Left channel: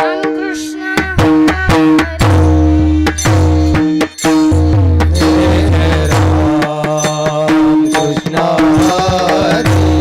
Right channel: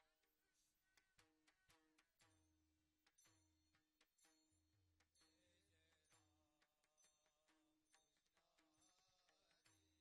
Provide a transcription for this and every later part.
रामकृष्ण हरी.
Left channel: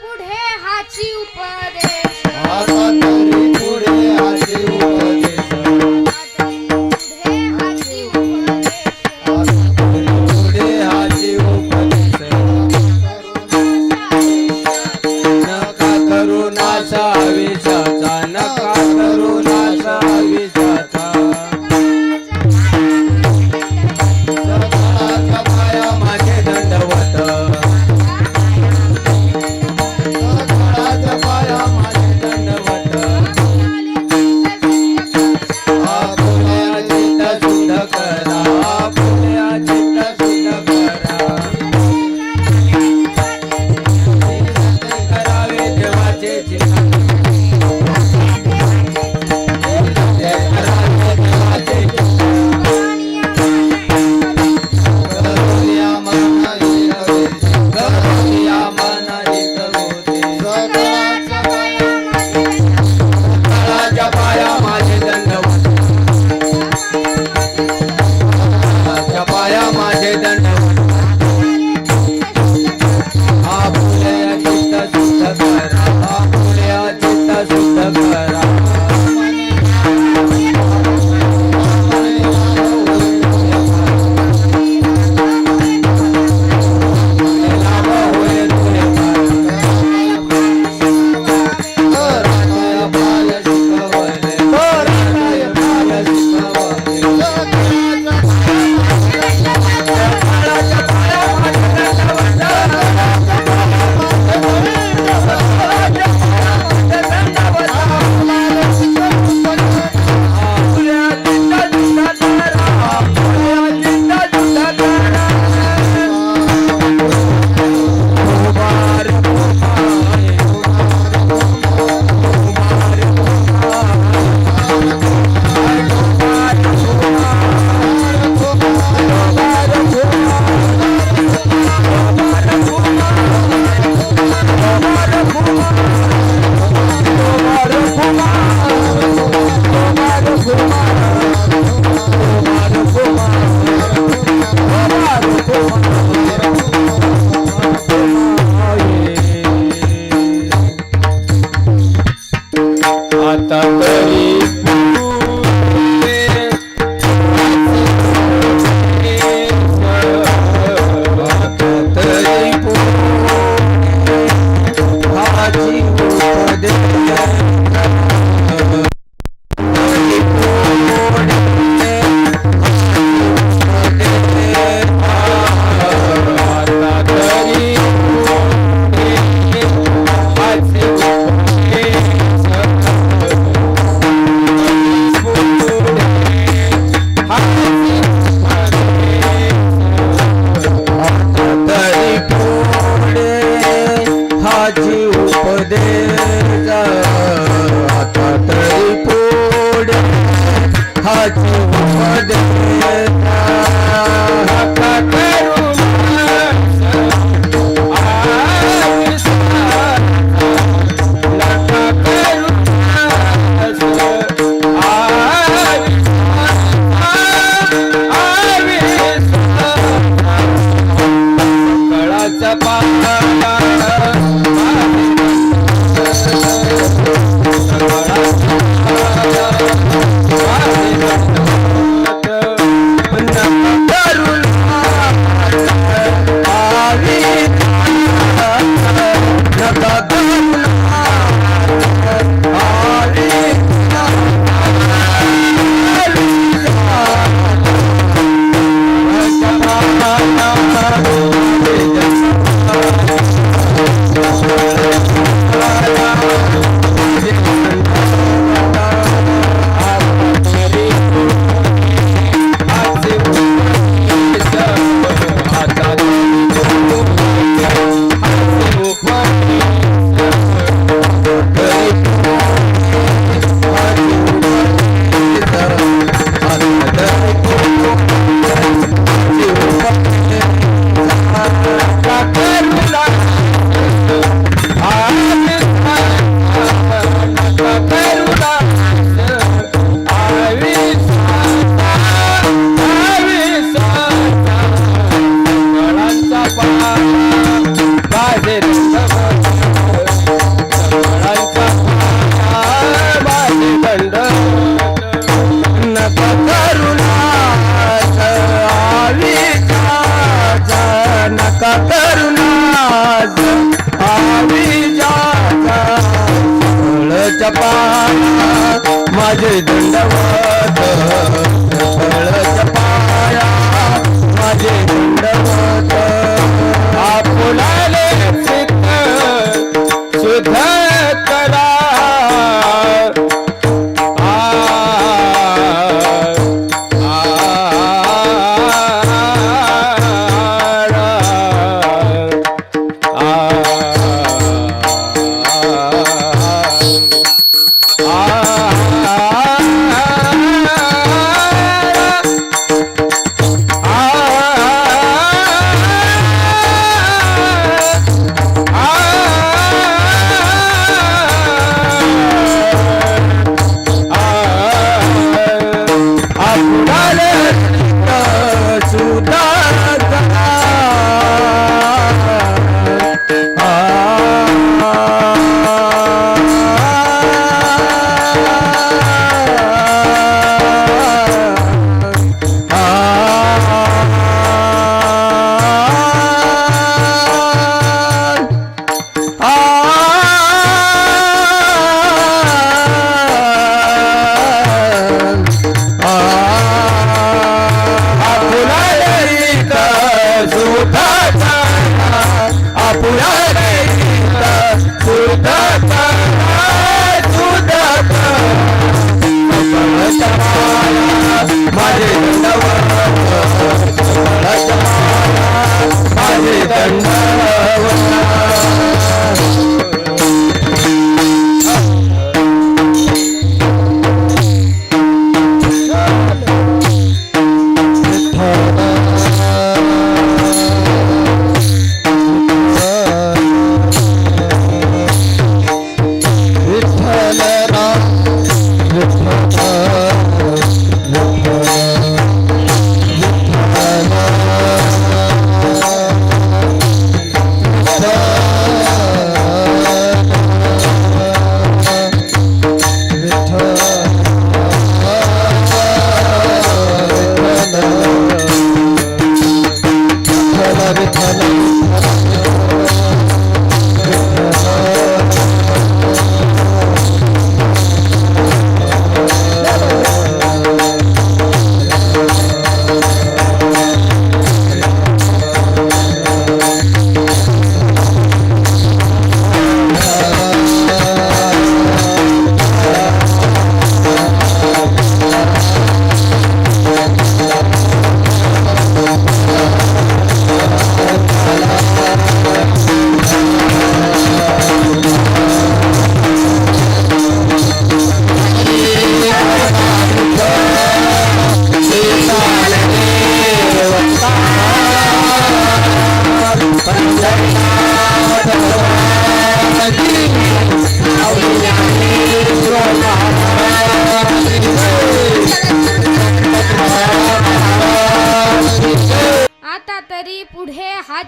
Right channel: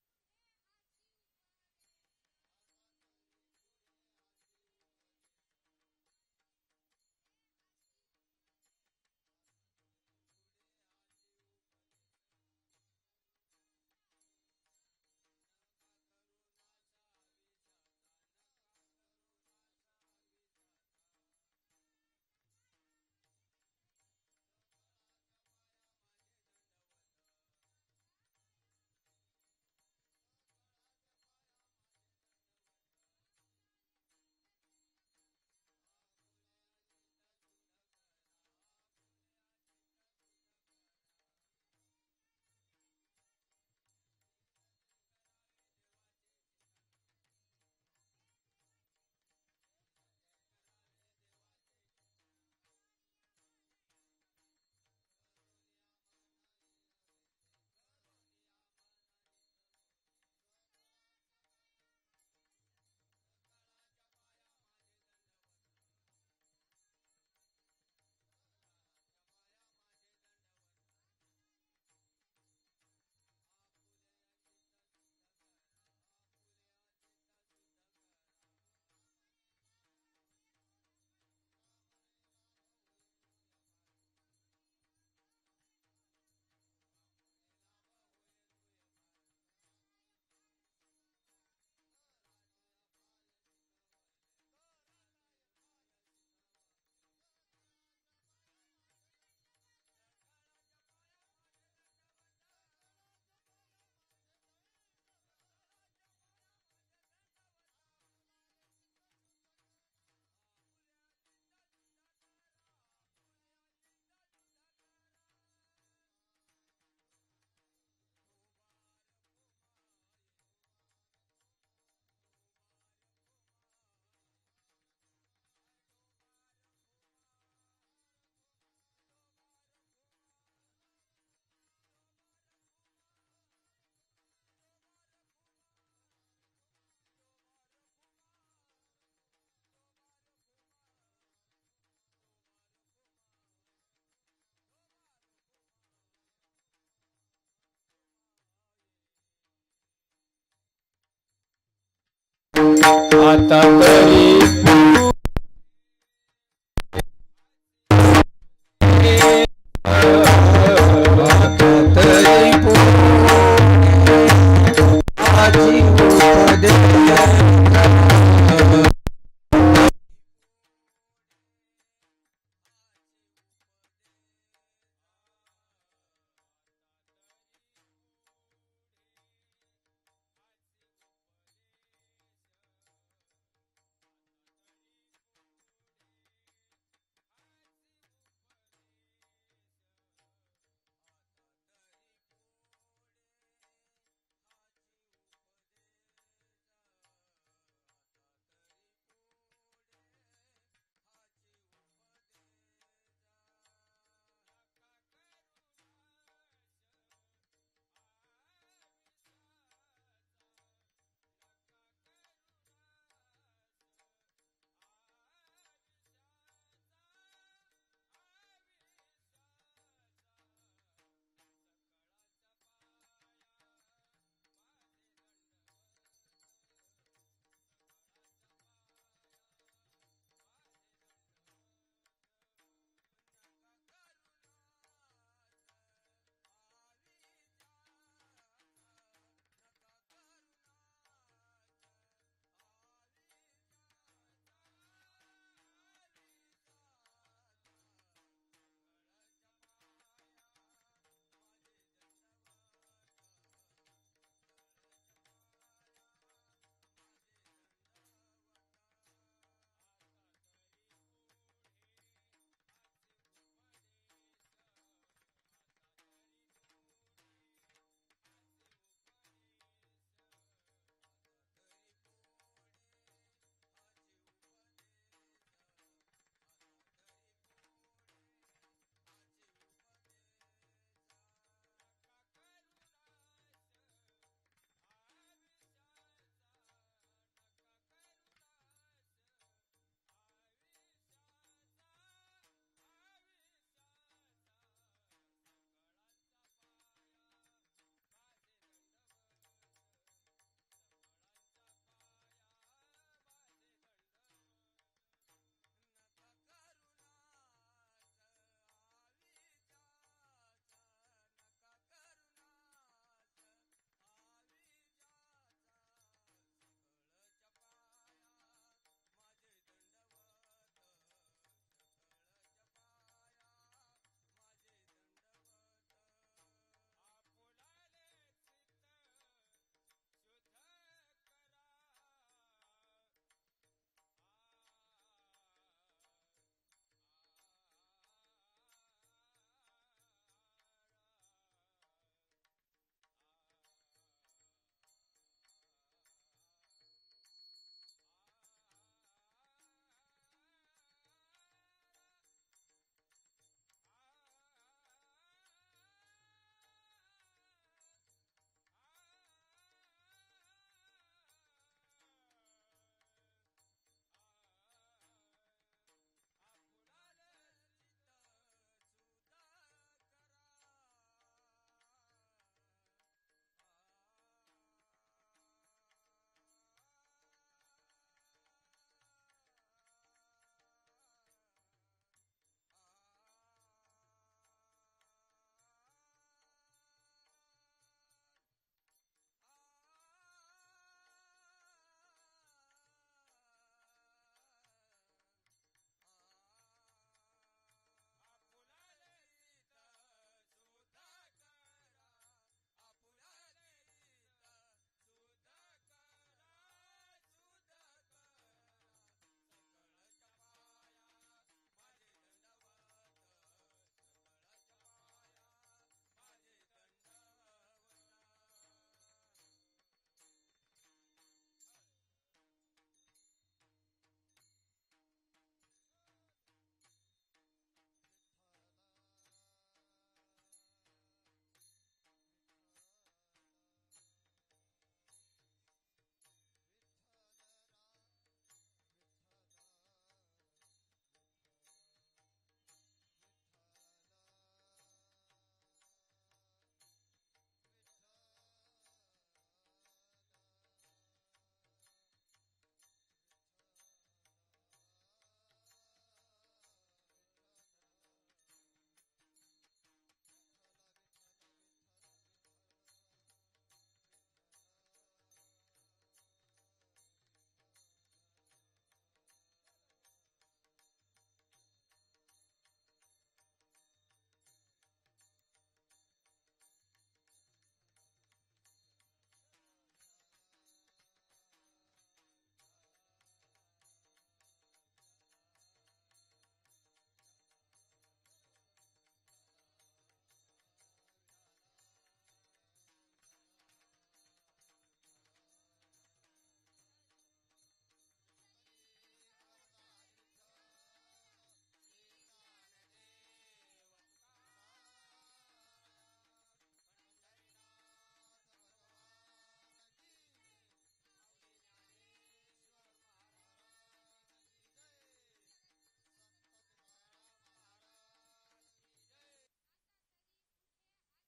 पुढे हाची उपदेश आता तरी पुढे हाची उपदेश पुढे हाची उपदेश पुढे हाची उपदेश नका करू नाचा विषाचा नका करू नाचा विषाचा सकाळच्या पाया माझे दंडवत सकाळच्या पाया माझे दंडवत पुण्या चित्त शुद्ध करा पुण्या चित्त शुद्ध करा करावे देवाचे चिंतन करावे देवाचे चिंतन करुण्या मनाई करुण्या मनाई करोते सकाळच्या पाया माझे दंडवत सकाळच्या पाया माझे दंडवत हा पुण्या चित्त शुद्ध करा हा पुण्या चित्त शुद्ध करा आता तरी आता तरी हाची उपदेश हाची उपदेश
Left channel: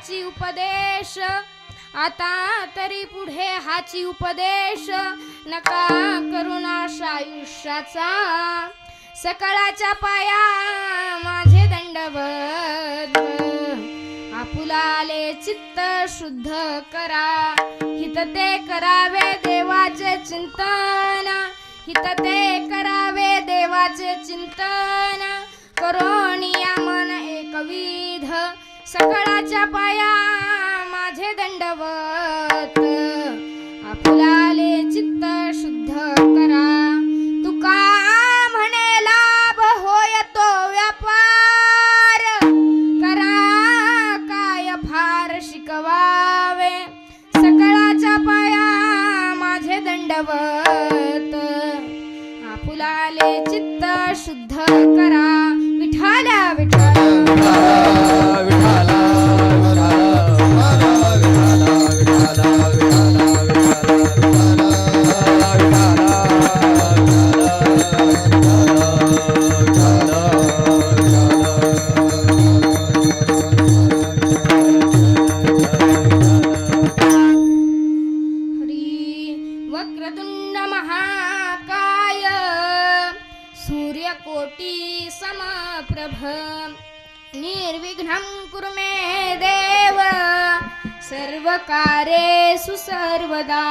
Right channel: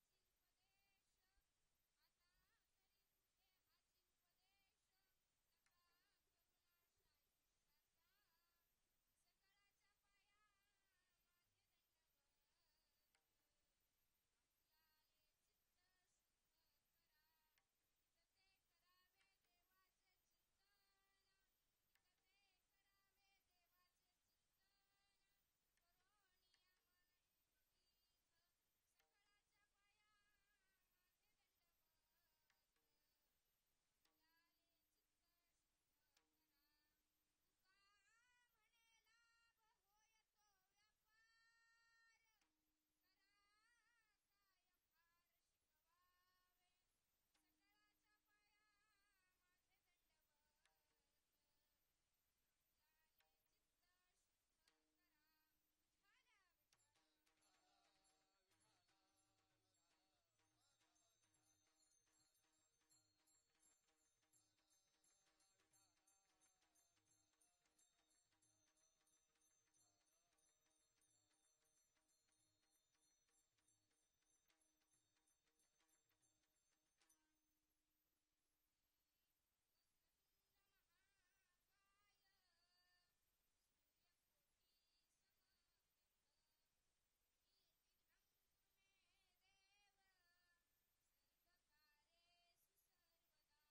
हाची उपदेश आता तरी पुढे हाची उपदेश नका करुणाश आयुष्याचा सकाळच्या पाया माझे दंडवत आपुलाले चित्त शुद्ध करा हित ते करावे देवाचे चिंतन हित ते करावे देवाचे चिंतन करोनिया मन एकविध सकाळच्या पाया माझे दंडवत आपुलाले चित्त शुद्ध करा तुका म्हणे लाभ होय तो व्यापार करा काय फार शिकवावे सकाळच्या पाया माझे दंडवत आपुलाले चित्त शुद्ध करा विठाला विठाला वक्रतुंड महाकाय सूर्यकोटी समप्रभ निर्विघ्नं कुरु मे देव सर्वकार्येषु सर्वदा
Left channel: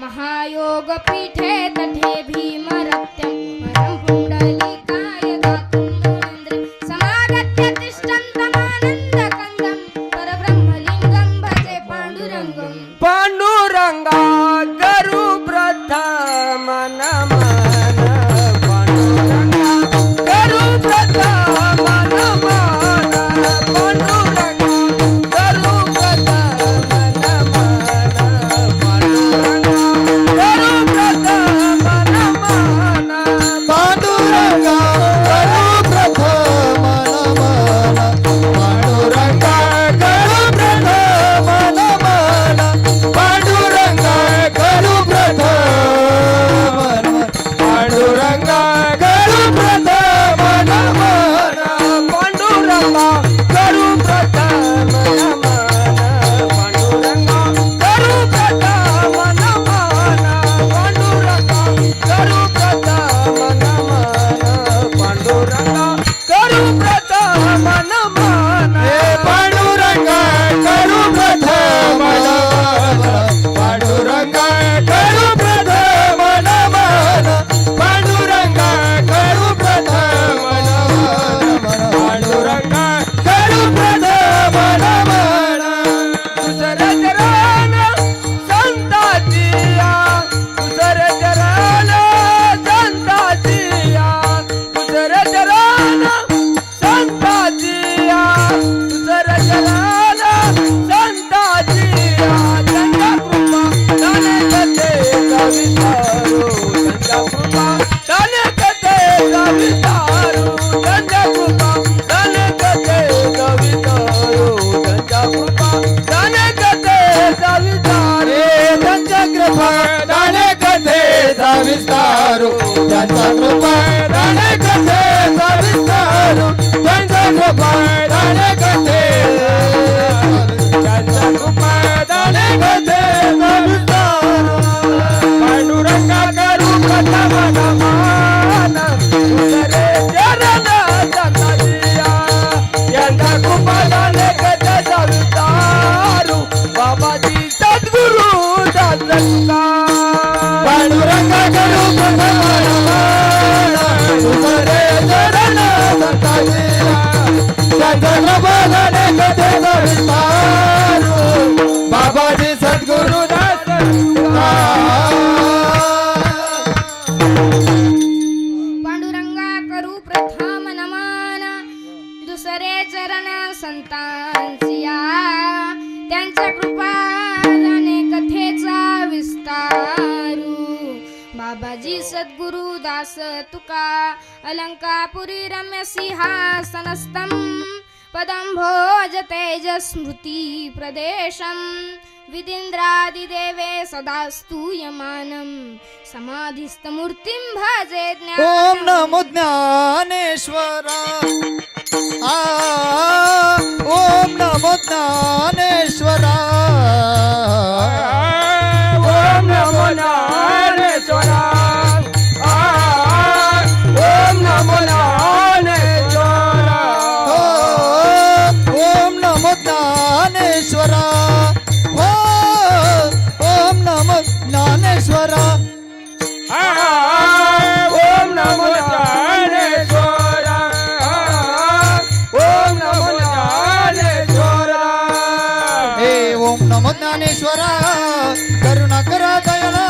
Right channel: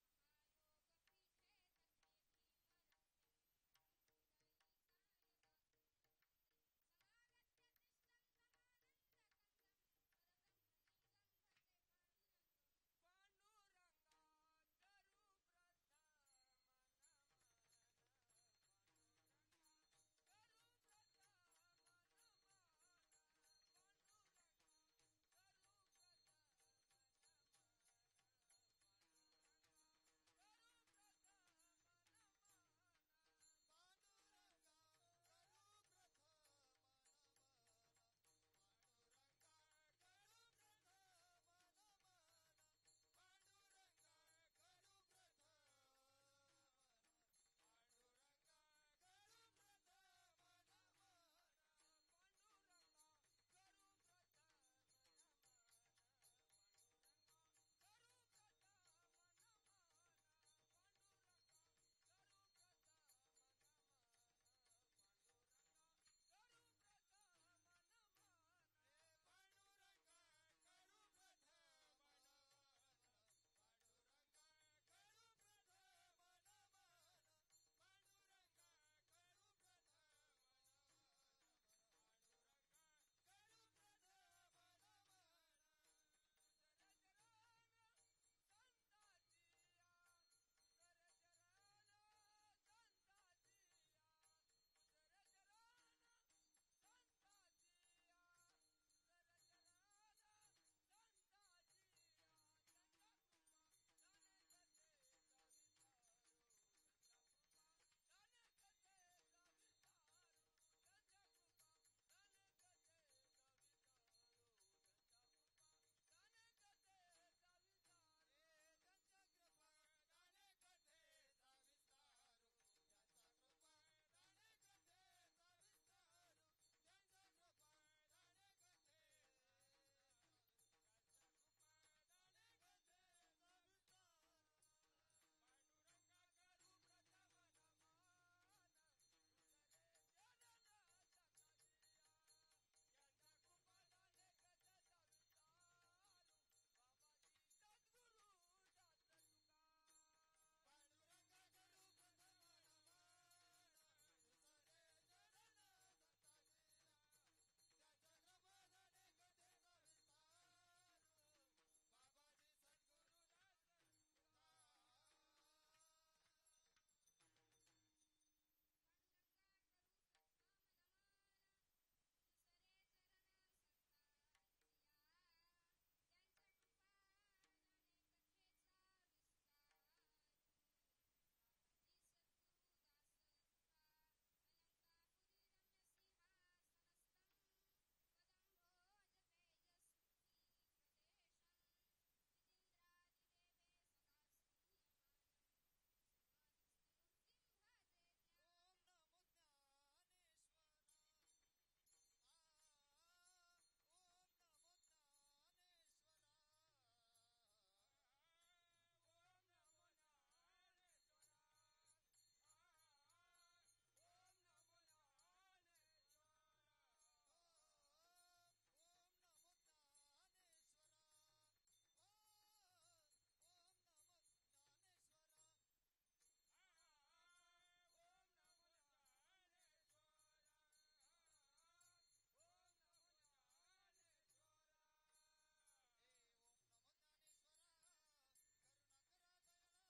महायोग पीठे तठे भीमरत्यं परं पुण्डलीकाय गातुं मुनीन्द्र समागत्य तिष्ठन्तमानन्दकन्दं परब्रह्मलिङ्गं भजे पाण्डुरङ्गम् पांडुरंगा करू प्रथम नमन पांडुरंगा करू प्रथम नमन पांडुरंगा करू प्रथम नमन पांडुरंगा करू प्रथम नमन पांडुरंगा करू प्रथम नमन पांडुरंगा करू प्रथम नमन पांडुरंगा करू प्रथम पांडुरंगा करू प्रथम नमन पांडुरंगा करू प्रथम नमन पांडुरंगा करू प्रथम नमन पांडुरंगा करू प्रथम नमन पांडुरंगा करू प्रथम नमन हे पांडुरंगा करू प्रथम नमन पांडुरंगा करू प्रथम नमन पांडुरंगा करू प्रथम नमन पांडुरंगा करू प्रथम नमन दुसरे चरण संतातिया दुसरे चरण संतातिया दुसरे चरण संतातिया दुसरे चरण संतातिया त्यांच्या कृपा दाने कथे कवितारू त्यांच्या कृपा दाने कथे कवितारू त्यांच्या कृपा दाने कथे कवितारू त्यांच्या कृपा दाने कथे कवितारू त्यांच्या कृपा दाने कथेचा विस्तारू त्यांचा कृपा दाने कथेचा विस्तारू त्यांचा कृपा दाने कथे त्यांचा कृपा दाने कथेचा विस्तारू पांडुरंगा करू प्रथम नमन दुसरे चरण संतातिया यांचा कृपा दाने कथेचा विस्तारू बाबाजी सद्गुरु दासका पांडुरंगा करू प्रथम नमन दुसरे चरण संताजिया त्यांचा कृपा दाने कथेचा विस्तारू बाबाजी सद्गुरु दास पांडुरंगा करू प्रथम नमन दुसरे चरण संतांसिया त्यांच्या कृपा दाने कथेचा विस्तारू बाबाजी सद्गुरु दास तुका अलंकापुरी रम्य सिंहासनस्थं पदं भोज तेजस्मृती प्रदेशं विदिन्द्रादिदेवे सदा स्तूयमानं समाधिस्थमूर्तिं भजे ओम नमो ज्ञानेश्वरा ओम नमो ज्ञानेश्वरा ओम नमो ज्ञानेश्वरा ओम नमो ज्ञानेश्वरा ओम नमो ज्ञानेश्वरा ओम नमो ज्ञानेश्वरा ओम नमो ज्ञानेश्वरा ओम नमो ज्ञानेश्वरा हे ओम नमो ज्ञानेश्वरा करुणा करा दयाळा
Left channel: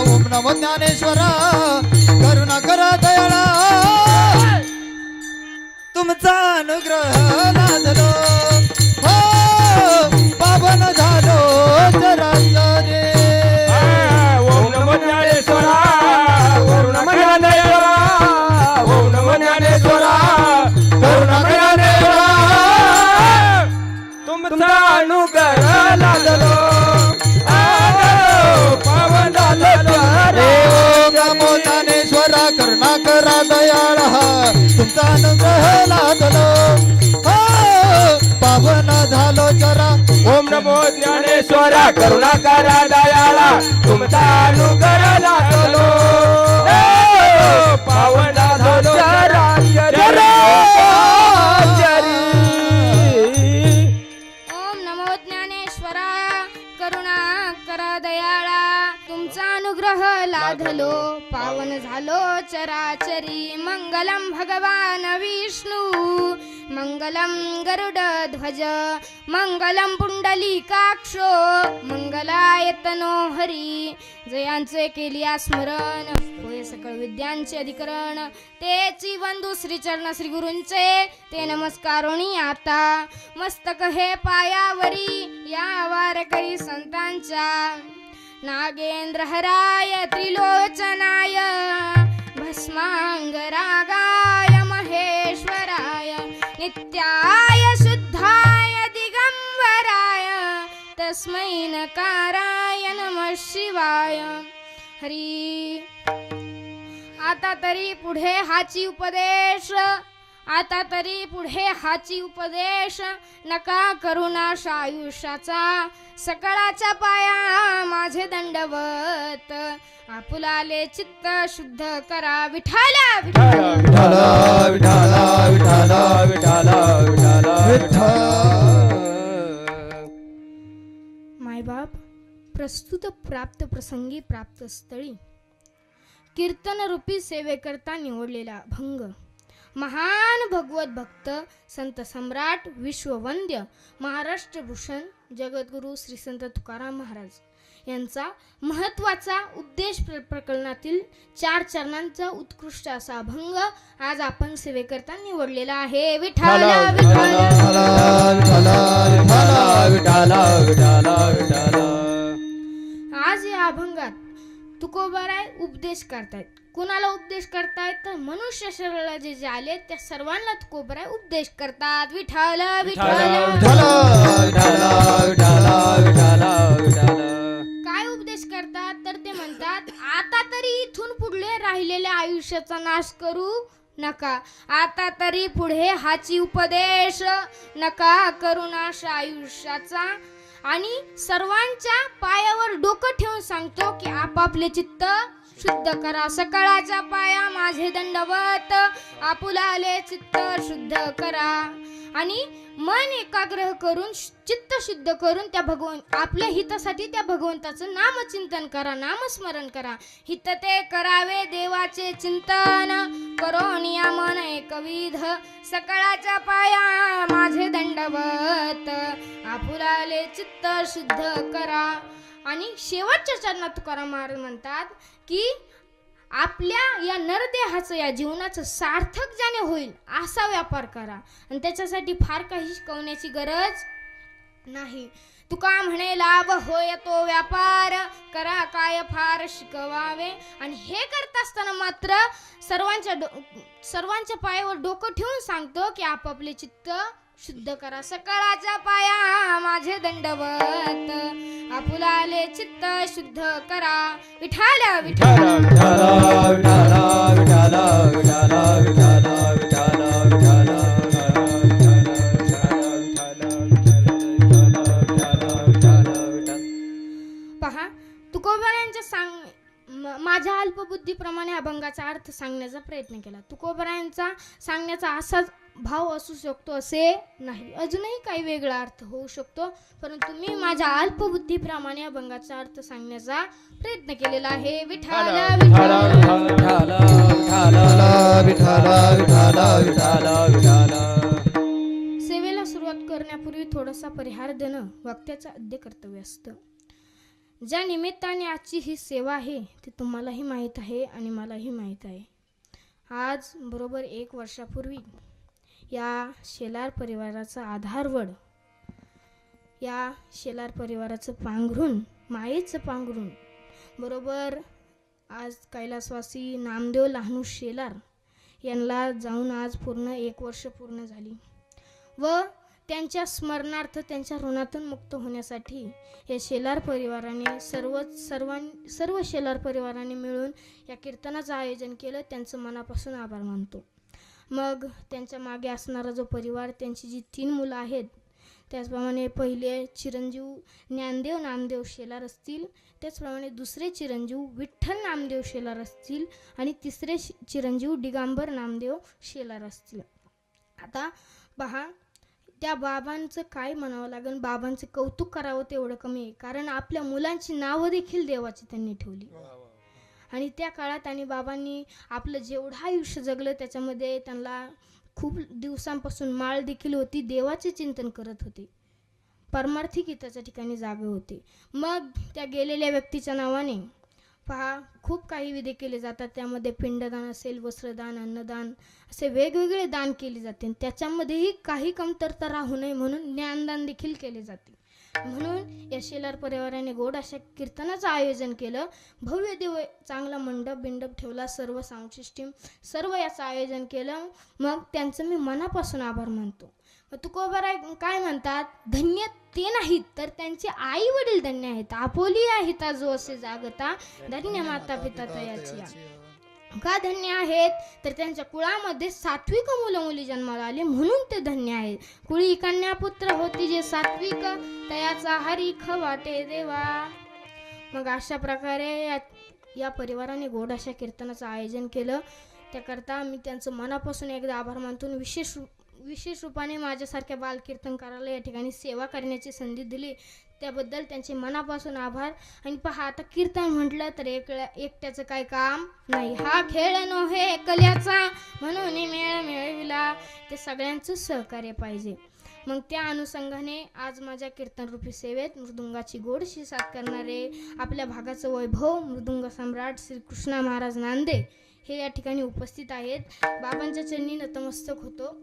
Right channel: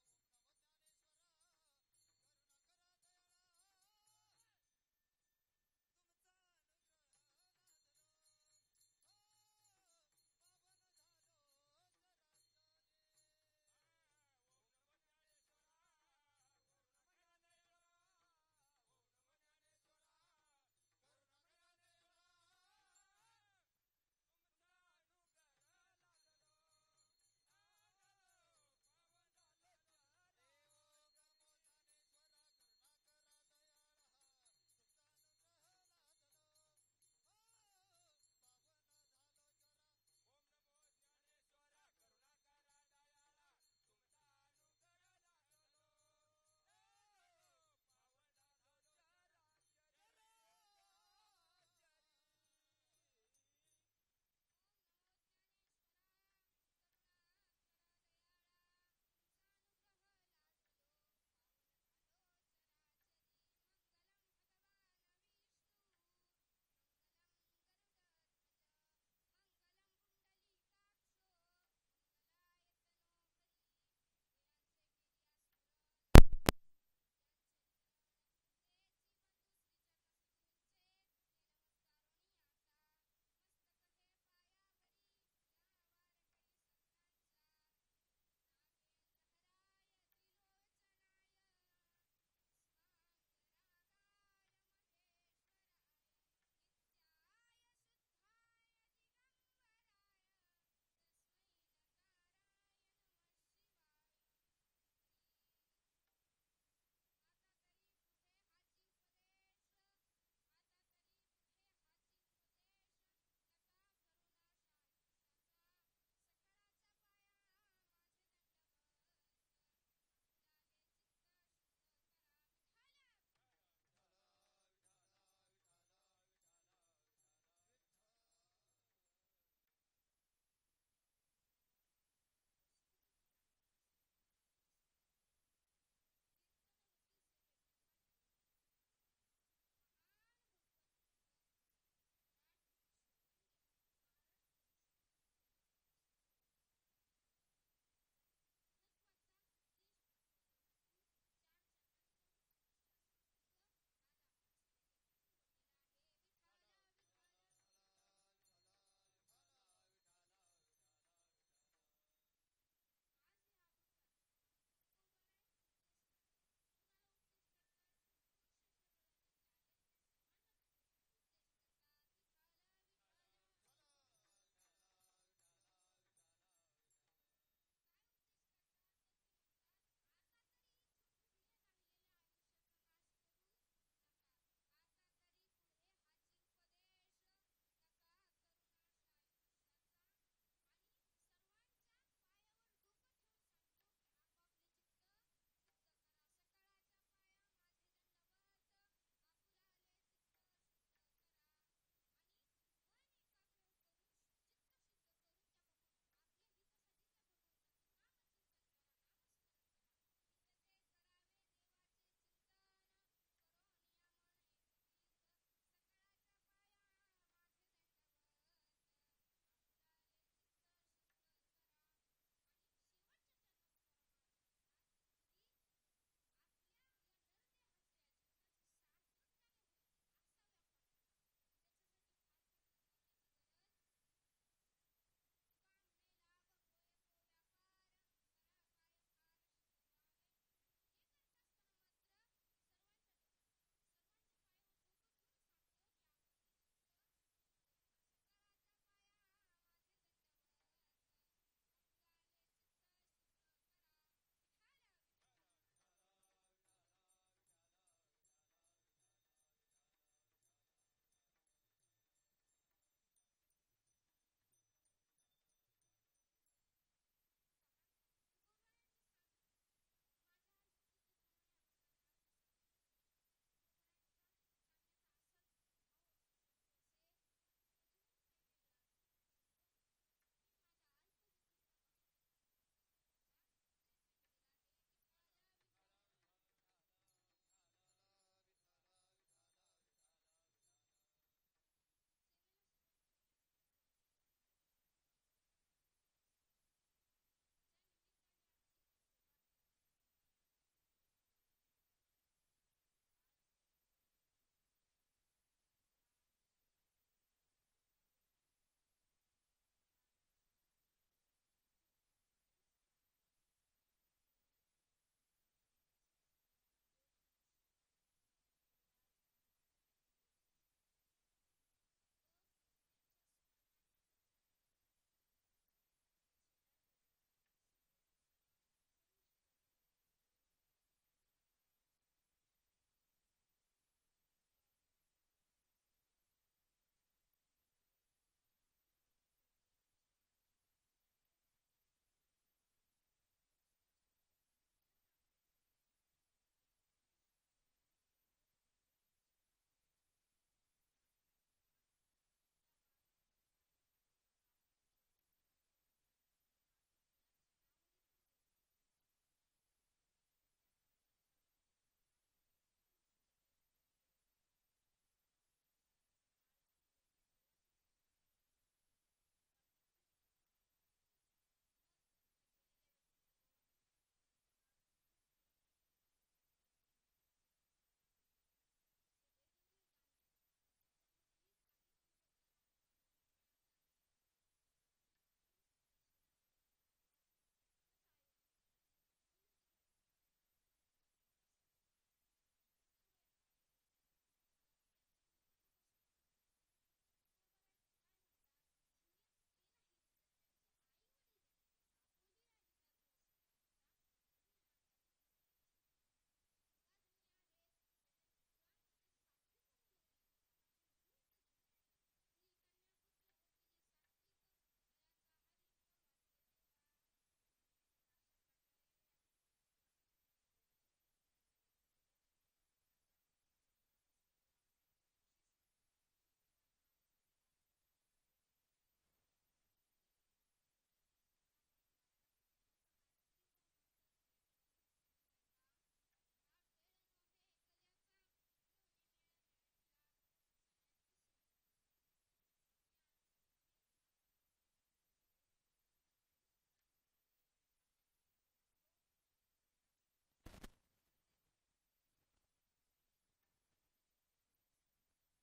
ओम नमो ज्ञानेश्वरा करुणा करा दयाळा तुमचा अनुग्रह लादलो हो पावन झालो चराचरे ओम नमो ज्ञानेश्वरा ओम नमो ज्ञानेश्वरा ओम नमो ज्ञानेश्वरा करुणा करा दयाळा तुमचा अनुग्रह लादलो पावन झालो हे ओम नमो ज्ञानेश्वरा करुणा करा दयाळा तुमचा अनुग्रह लादलो हो पावन झालो चरा ओम नमो ज्ञानेश्वरा करुणा करा दयाळा तुमचा अनुग्रह लादलो पावन झालो ओम नमो ज्ञानेश्वरा करुणा करा दयाळा तुमचा अनुग्रह लाधलो पावन झालो चराचरी मंगलम भगवान विष्णू मंगलम गरुड ध्वज मंगलम पुंडलीकाक्षो मंगलायतनो हरी जयांचे केलिया स्मरण होय सकळ विद्यांचे अधिकरण तेची वंदू श्री चरण श्री गुरूंचे ते नमस्कारोणी आता मस्तक हे पायावरी या वारकरी संतांच्या नागेंद्रहराय त्रिलोचनाय भस्मांगरागाय महेश्वराय नित्याय शुद्धाय दिगंबराय तस्मै नकाराय नमः शिवाय हरी आता तरी पुढे हाची उपदेश आता तरी पुढे हाची उपदेश नका करुणाश आयुष्याचा सकळाच्या पाया माझे दंडवत आपुलाले चित्त शुद्ध करा विठाला विठाला विठाला विठाला विठाला विठाला मायबाप प्रस्तुत प्राप्त प्रसंगी प्राप्त स्थळी कीर्तन रूपी सेवेकरता निवडलेला भंग महान भगवत भक्त संत सम्राट विश्ववंद्य महाराष्ट्र भूषण जगद्गुरु श्री संत तुकाराम महाराज यांचा महत्वाचा उपदेश प्रकरणातील 4 चरणांचा उत्कृष्ट असा अभंग आज आपण सेवेकरता निवडलेला आहे विठाला विठाला आज या अभंगात तुकोबाराय उपदेश करतायत. कुणाला उपदेश करतायत तर मनुष्य शरीराला जे जे आले त्या सर्वांना तुकोबाराय उपदेश करतात. विठाल काय उपदेश करतात तर ते म्हणतात आता तरी इथून पुढे राहिलेल्या आयुष्याचा नाश करू नका. आता तरी पुढे हाची उपदेश नका करू नाश आयुष्याचा. आणि सर्वांच्या पायावर डोकं ठेवून सांगतो की आपापले चित्त शुद्ध करा. सकाळच्या पाया माझे दंडवत आपुलाले चित्त शुद्ध करा. आणि मन एकाग्र करून चित्त शुद्ध करून त्या आपल्या हितासाठी त्या भगवंताचं नामचिंतन करा, नामस्मरण करा. हित ते करावे देवाचे चिंतन करोनिया मन एकविध. सकाळच्या पाया माझे दंडवत आपुलाले चित्त शुद्ध करा. आणि शेवटच्या चरणात तुकाराम महाराज म्हणतात की आपल्या या नरदेहाचं या जीवनाचं सार्थक ज्याने होईल असा व्यापार करा. आणि त्याच्यासाठी फार काही शिकवण्याची गरज नाही. तुका म्हणे लाभ होय तो व्यापार करा काय फार शिकवावे. आणि हे करत असताना मात्र सर्वांच्या पायावर डोकं ठेवून सांगतो की आपापले चित्त शुद्ध करा सकाळच्या पाया माझे दंडवत आपुला आले चित्त शुद्ध करा विठाल विठाल पहा तुकोबरायांच्या माझ्या अल्पबुद्धीप्रमाणे अभंगाचा अर्थ सांगण्याचा प्रयत्न केला. तुकोबरायांचा सांगण्याचा असाच भाव असू शकतो असे नाही, अजूनही काही वेगळा अर्थ होऊ शकतो, परंतु मी माझ्या अल्पबुद्धीप्रमाणे अभंगाचा अर्थ सांगण्याचा प्रयत्न केलेला आहे. विठाल सेवेला सुरुवात करण्यापूर्वी थोडासा परिहार देणं वक्त्याचं आद्य कर्तव्य असतं. ज्या निमित्ताने आजची ही सेवा आहे ती तुम्हालाही माहीत आहे आणि मलाही माहीत आहे. आज बरोबर 1 वर्षापूर्वी या शेलार परिवाराचा आधारवड, या शेलार परिवाराचं पांघरून, मायेचं पांघरून बरोबर आज कैलासवासी नामदेव लहानू शेलार यांना जाऊन आज पूर्ण 1 वर्ष पूर्ण झाली व त्यांच्या स्मरणार्थ त्यांच्या ऋणातून मुक्त होण्यासाठी या शेलार परिवाराने सर्व शेलार परिवाराने मिळून या कीर्तनाचं आयोजन केलं. त्यांचं मनापासून आभार मानतो. मग त्यांच्या मागे असणारा जो परिवार, त्यांची जी 3 मुलं आहेत, त्याचप्रमाणे पहिले चिरंजीव ज्ञानदेव नामदेव शेलार असतील, त्याचप्रमाणे दुसरे चिरंजीव विठ्ठल नामदेव शेलार असतील आणि तिसरे चिरंजीव दिगंबर नामदेव शेलार असतील. आता पहा, त्या बाबांचं काय म्हणावं लागेल, बाबांचं कौतुक करावं तेवढं कमी आहे, कारण आपल्या मुलांची नावं देखील देवाची त्यांनी ठेवली. आणि त्या काळात आणि बाबांनी आपलं जेवढं आयुष्य जगलं त्याच्यामध्ये त्यांना खूप दिवसांपासून माळ देखील होती, देवाचे चिंतन करत होते, परमार्थिक हिताच्या ठिकाणी जागे होते. मग त्या गेलेल्या व्यक्तीच्या नावाने पहा खूप काही विधी केले जातात. त्यामध्ये पिंडदान असेल, वस्त्रदान, अन्नदान असे वेगवेगळे दान केले जाते. त्याच्यामध्येही काही कमतरता राहू नये म्हणून ज्ञानदान देखील केले जाते. म्हणून या शेलार परिवाराने गोड अशा कीर्तनाचं आयोजन केलं. भव्य दिव्य चांगला मंडप ठेवला, सर्व साऊंड सिस्टीम सर्व याचं आयोजन केलं. मग त्यांचं मी मनापासून आभार मानतो. तुकोबाराय काय म्हणतात, धन्य ते नाहीत तर त्यांचे आई वडील धन्य आहेत. आपोली आहेत जो असे जागता, धन्य माता पिता तयाची. का धन्य आहेत तर त्यांच्या कुळामध्ये सात्विक मुलं मुली जन्माला आले म्हणून ते धन्य आहेत. कुळी कन्या पुत्र होती जे सात्विक, तयाचा हरिख वाटे देवा. मग अशा प्रकारे या परिवाराने गोड अशा कीर्तनाचं आयोजन केलं. त्याकरता मी त्यांचं मनापासून एकदा आभार मानतो. विशेष रूपाने माझ्यासारख्या बालकीर्तनकाराला या ठिकाणी सेवा करण्याची संधी दिली त्याबद्दल त्यांचे मनापासून आभार. आणि पहा, आता कीर्तन म्हटलं तर एकट्याचं काय काम नाही, हा खेळ नव्हे एकल्याचा, म्हणून मेळ मिळविला, ते सगळ्यांचं सहकार्य पाहिजे. मग त्या अनुषंगाने आज माझ्या कीर्तनरूपी सेवेत मृदुंगाची गोडशी साथ करणारे आपल्या भागाचं वैभव मृदुंग सम्राट श्री कृष्णा महाराज नांदे हे या ठिकाणी उपस्थित आहेत. बाबांच्या चरणी नतमस्तक होतो.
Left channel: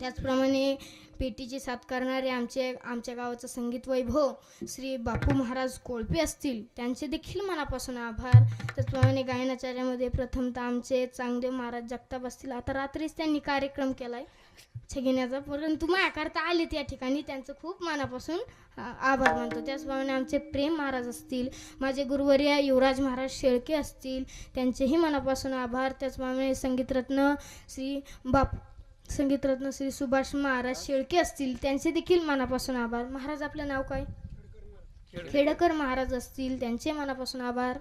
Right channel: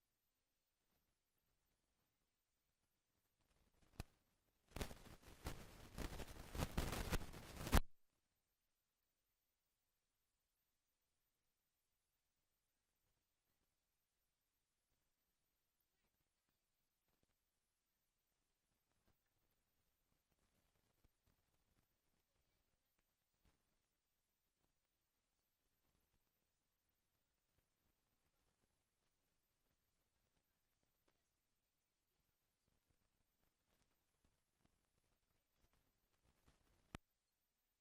त्याचप्रमाणे पेटीची साथ करणारे आमच्या गावाचं संगीत वैभव श्री बापू महाराज कोळपे असतील, त्यांचे देखील मनापासून आभार. त्याचप्रमाणे गायनाचार्यामध्ये प्रथमतः आमचे चांगदेव महाराज जगताप असतील. आता रात्रीच त्यांनी कार्यक्रम केलाय घेण्याचा, परंतु माझ्याकरता आलेत या ठिकाणी, त्यांचं खूप मनापासून आभार मानतो. त्याचप्रमाणे आमचे प्रेम महाराज असतील, माझे गुरुवर्य युवराज महाराज शेळके असतील, त्यांचेही मनापासून आभार. त्याचप्रमाणे संगीतरत्न श्री सुभाष महाराज शेळके असतील, त्यांचे देखील मनापासून आभार. महाराज आपलं नाव काय? खेडकर महाराज असतील, त्यांचे मनापासून आभार.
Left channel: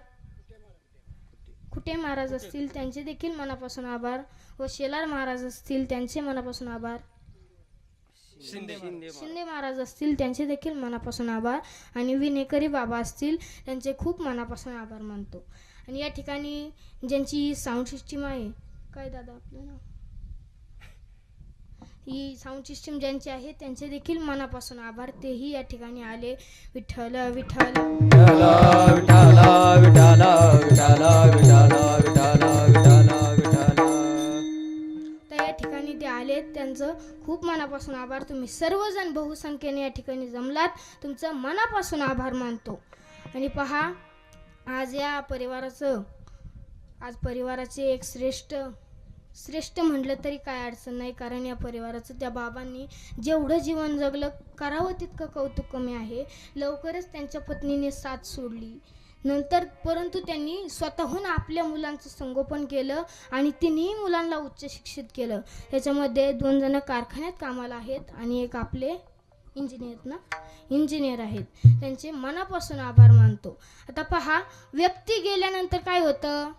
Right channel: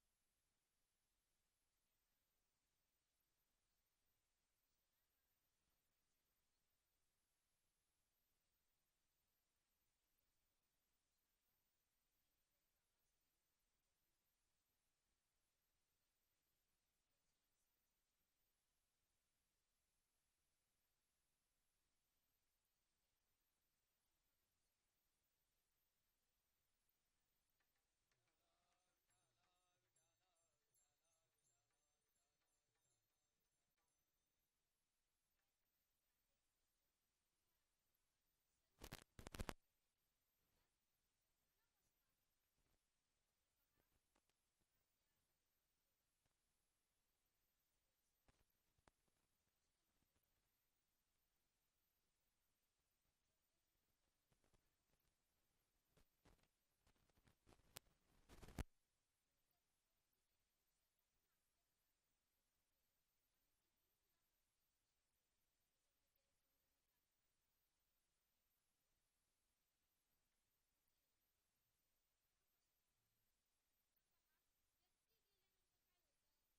कुटे महाराज असतील, त्यांचे देखील मनापासून आभार. व शेलार महाराज असतील, त्यांचे मनापासून आभार. शिंदे महाराज असतील, त्यांचे देखील मनापासून आभार. आणि विनेकरी बाबा असतील, त्यांचे खूप मनापासून आभार मानतो. आणि या ठिकाणी ज्यांची साऊंड सिस्टीम आहे, काय दादा आपलं नाव, ही साऊंड सिस्टीम ज्यांची आहे त्यांचे देखील मनापासून आभार. तेही या ठिकाणी आले. विठ्ठल विठ्ठल तर या ठिकाणी ते आले, त्यांचं खूप मनापासून आभार. तुम्ही सर्वजण बहुसंख्येने या ठिकाणी जमलात, तुमचं मनापासून आभार मानतो. आणि पहा, आज परिवाराचे एक श्रेष्ठ श्रेष्ठ म्हटलं तरी काय अडचण नाही, कारण या परिवाराचं त्या बाबांनी जेवढं जीवन जगलं करावं तितकं कौतुक कमी आहे. लवकरच त्यांच्या पत्नीने साथ सोडली नंतर, परंतु त्यांनी स्वतःहून आपल्या मुलांचं संगोपन केलं आणि तिन्ही मुलांना उच्च शिक्षित केलं. त्याच्यामध्ये 2 जण कारखान्यात कामाला आहेत आणि एक आपले इंजिनियर आहेत. त्यांचे मनापासून आभार मानतो. आता पहा, व्यक्ती गेल्यानंतर काय होतं,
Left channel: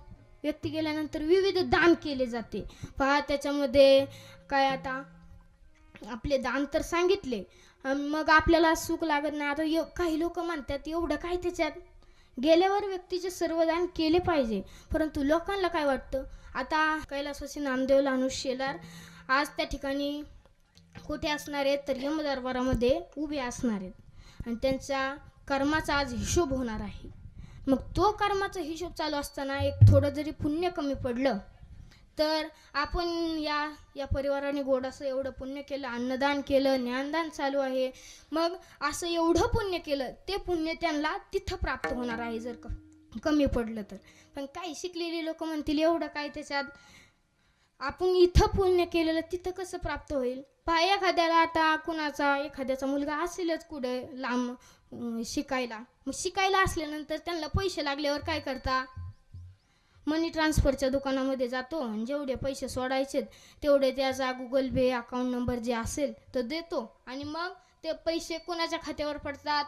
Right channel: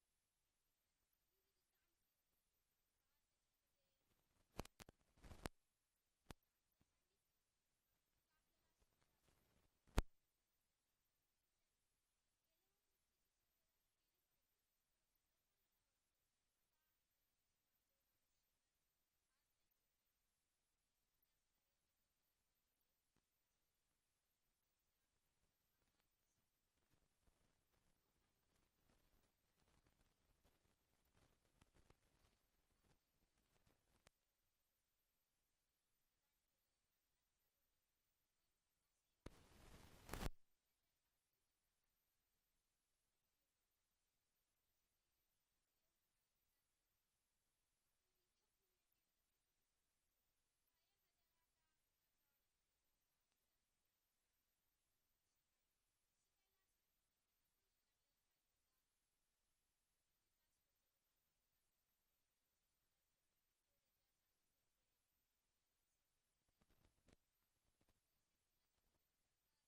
व्यक्ती गेल्यानंतर विविध दान केले जाते. पहा त्याच्यामध्ये काय, आता आपले दान तर सांगितले, मग आपल्याला सुख लागत नाही. आता काही लोक म्हणतात एवढं काय त्याच्यात, गेल्यावर व्यक्तीचे सर्व दान केले पाहिजे. परंतु लोकांना काय वाटतं, आता कैलासवासी नामदेव लानूस शेलार आज त्या ठिकाणी कुठे असणार आहेत, तर यमदरबारामध्ये उभे असणार आहेत आणि त्यांच्या कर्माचा आज हिशोब होणार आहे. मग तो कर्माचा हिशोब चालू असताना एक थोडं जरी पुण्य कमी पडलं तर आपण या परिवाराने गोडाचं एवढं पुण्य केलं, अन्नदान केलं, ज्ञानदान चालू आहे, मग असं एवढं पुण्य केलं, ते पुण्य त्यांना तिथं प्राप्त होणार आहे जर कमी पडलं तर. पण काही शिकलेली लोक म्हणतील एवढं काय त्याच्यात, आपण इथं पुण्य केलेलं तिथं कसं प्राप्त होईल. पहा एखाद्याला, आता एखाद्याचा मुलगा असेलच कुठे लांब शिकायला, मग शिकायला असल्यानंतर त्यांना पैसे लागल्यावर काय करता, मनी ट्रान्सफरच्या दुकानामध्ये जातो आणि जेवढे पैसे सोडायचे तेवढे त्याचा गुगल पे अकाउंट नंबर जे असेल तो देतो आणि मग ते पैसे कोणाच्या खात्यावर पडतात,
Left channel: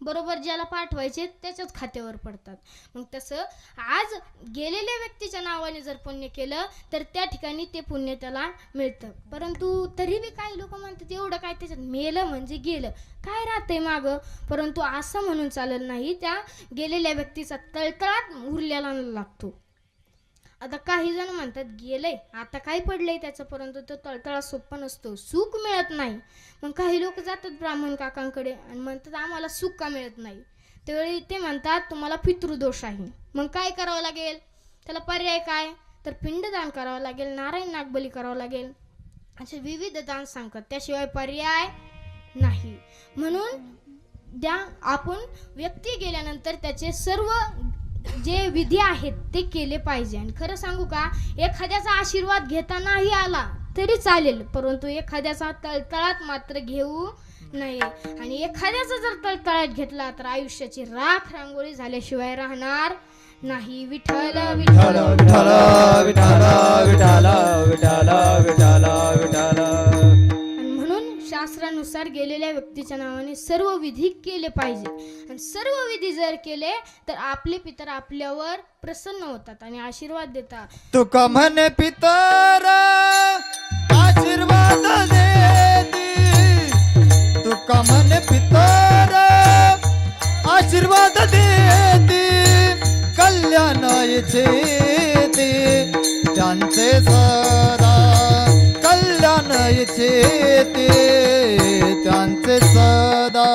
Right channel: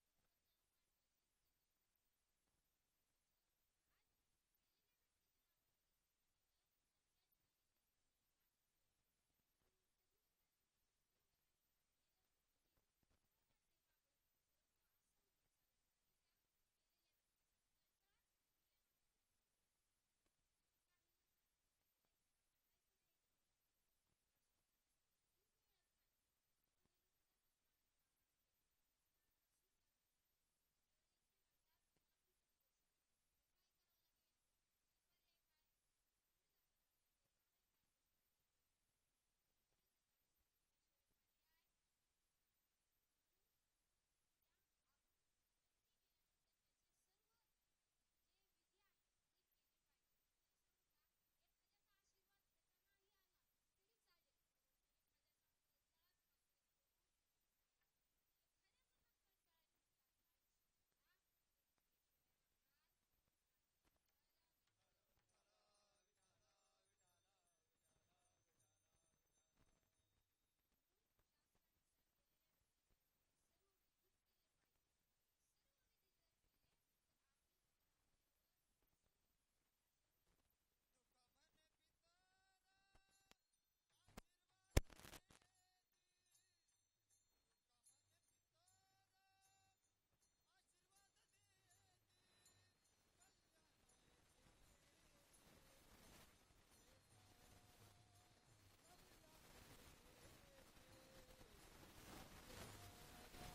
बरोबर ज्याला पाठवायचे त्याच्याच खात्यावर पडतात. मग तसं आज गेलेल्या व्यक्तीच्या नावाने जर पुण्य केलं तर त्या ठिकाणी ते पुण्य त्याला मिळतं. परंतु तरी बी काही लोक म्हणतात एवढं काय त्याच्यात, मेलं म्हणजे गेलं, काय राहतंय मागं. परंतु असं म्हणून चालत नाही, त्या गेलेल्या व्यक्तीचा तळतळात उरलेला लागतो. आता काही जण म्हणतात गेलंय आता काय पडलंय त्याचं, परंतु तो तळतळा सोपा नसतो, सुख मिळत नाही. मग काही लोक जातात ब्राह्मण काकांकडे आणि म्हणतात आम्हाला सुख का मिळत नाही. त्यावेळी ते म्हणतात तुम्हाला पितृदोष आहे. मग काय करावं लागेल, त्याला पर्याय काय, तर पिंडदान करावं लागेल, नारायण नागबली करावं लागेल, असे विविध दान सांगतात, त्याशिवाय पर्याय नाही. म्हणून आपण व्यक्ती गेल्यानंतर त्याचे सर्व जे विधी आहेत ते केले पाहिजे. आणि खरं सांगू का, एखाद्याचा आशीर्वाद घेता नाही आला तरी चालेल, परंतु एखाद्याचा तळतळात मात्र घेऊ नये. आणि एखाद्याचा जर तळतळात घेतला तर आयुष्याची राख रांगोळी झाल्याशिवाय राहणार नाही. विठ्ठल विठ्ठल विठ्ठल विठ्ठल विठ्ठल विठ्ठल विठ्ठल विठ्ठल. शास्त्रानुसार गेलेल्या व्यक्तीच्या नावाने सर्व विधी केले पाहिजे. आणि सर्व विधी जर केले तर आपले पितर आपल्यावर प्रसन्न होतात आणि आशीर्वाद देतात. तुका म्हणे पितर आशीर्वाद देती, तुका म्हणे पितर आशीर्वाद देती, कल्याण इच्छेती त्यांचे सदा, कल्याण इच्छेती त्यांचे सदा.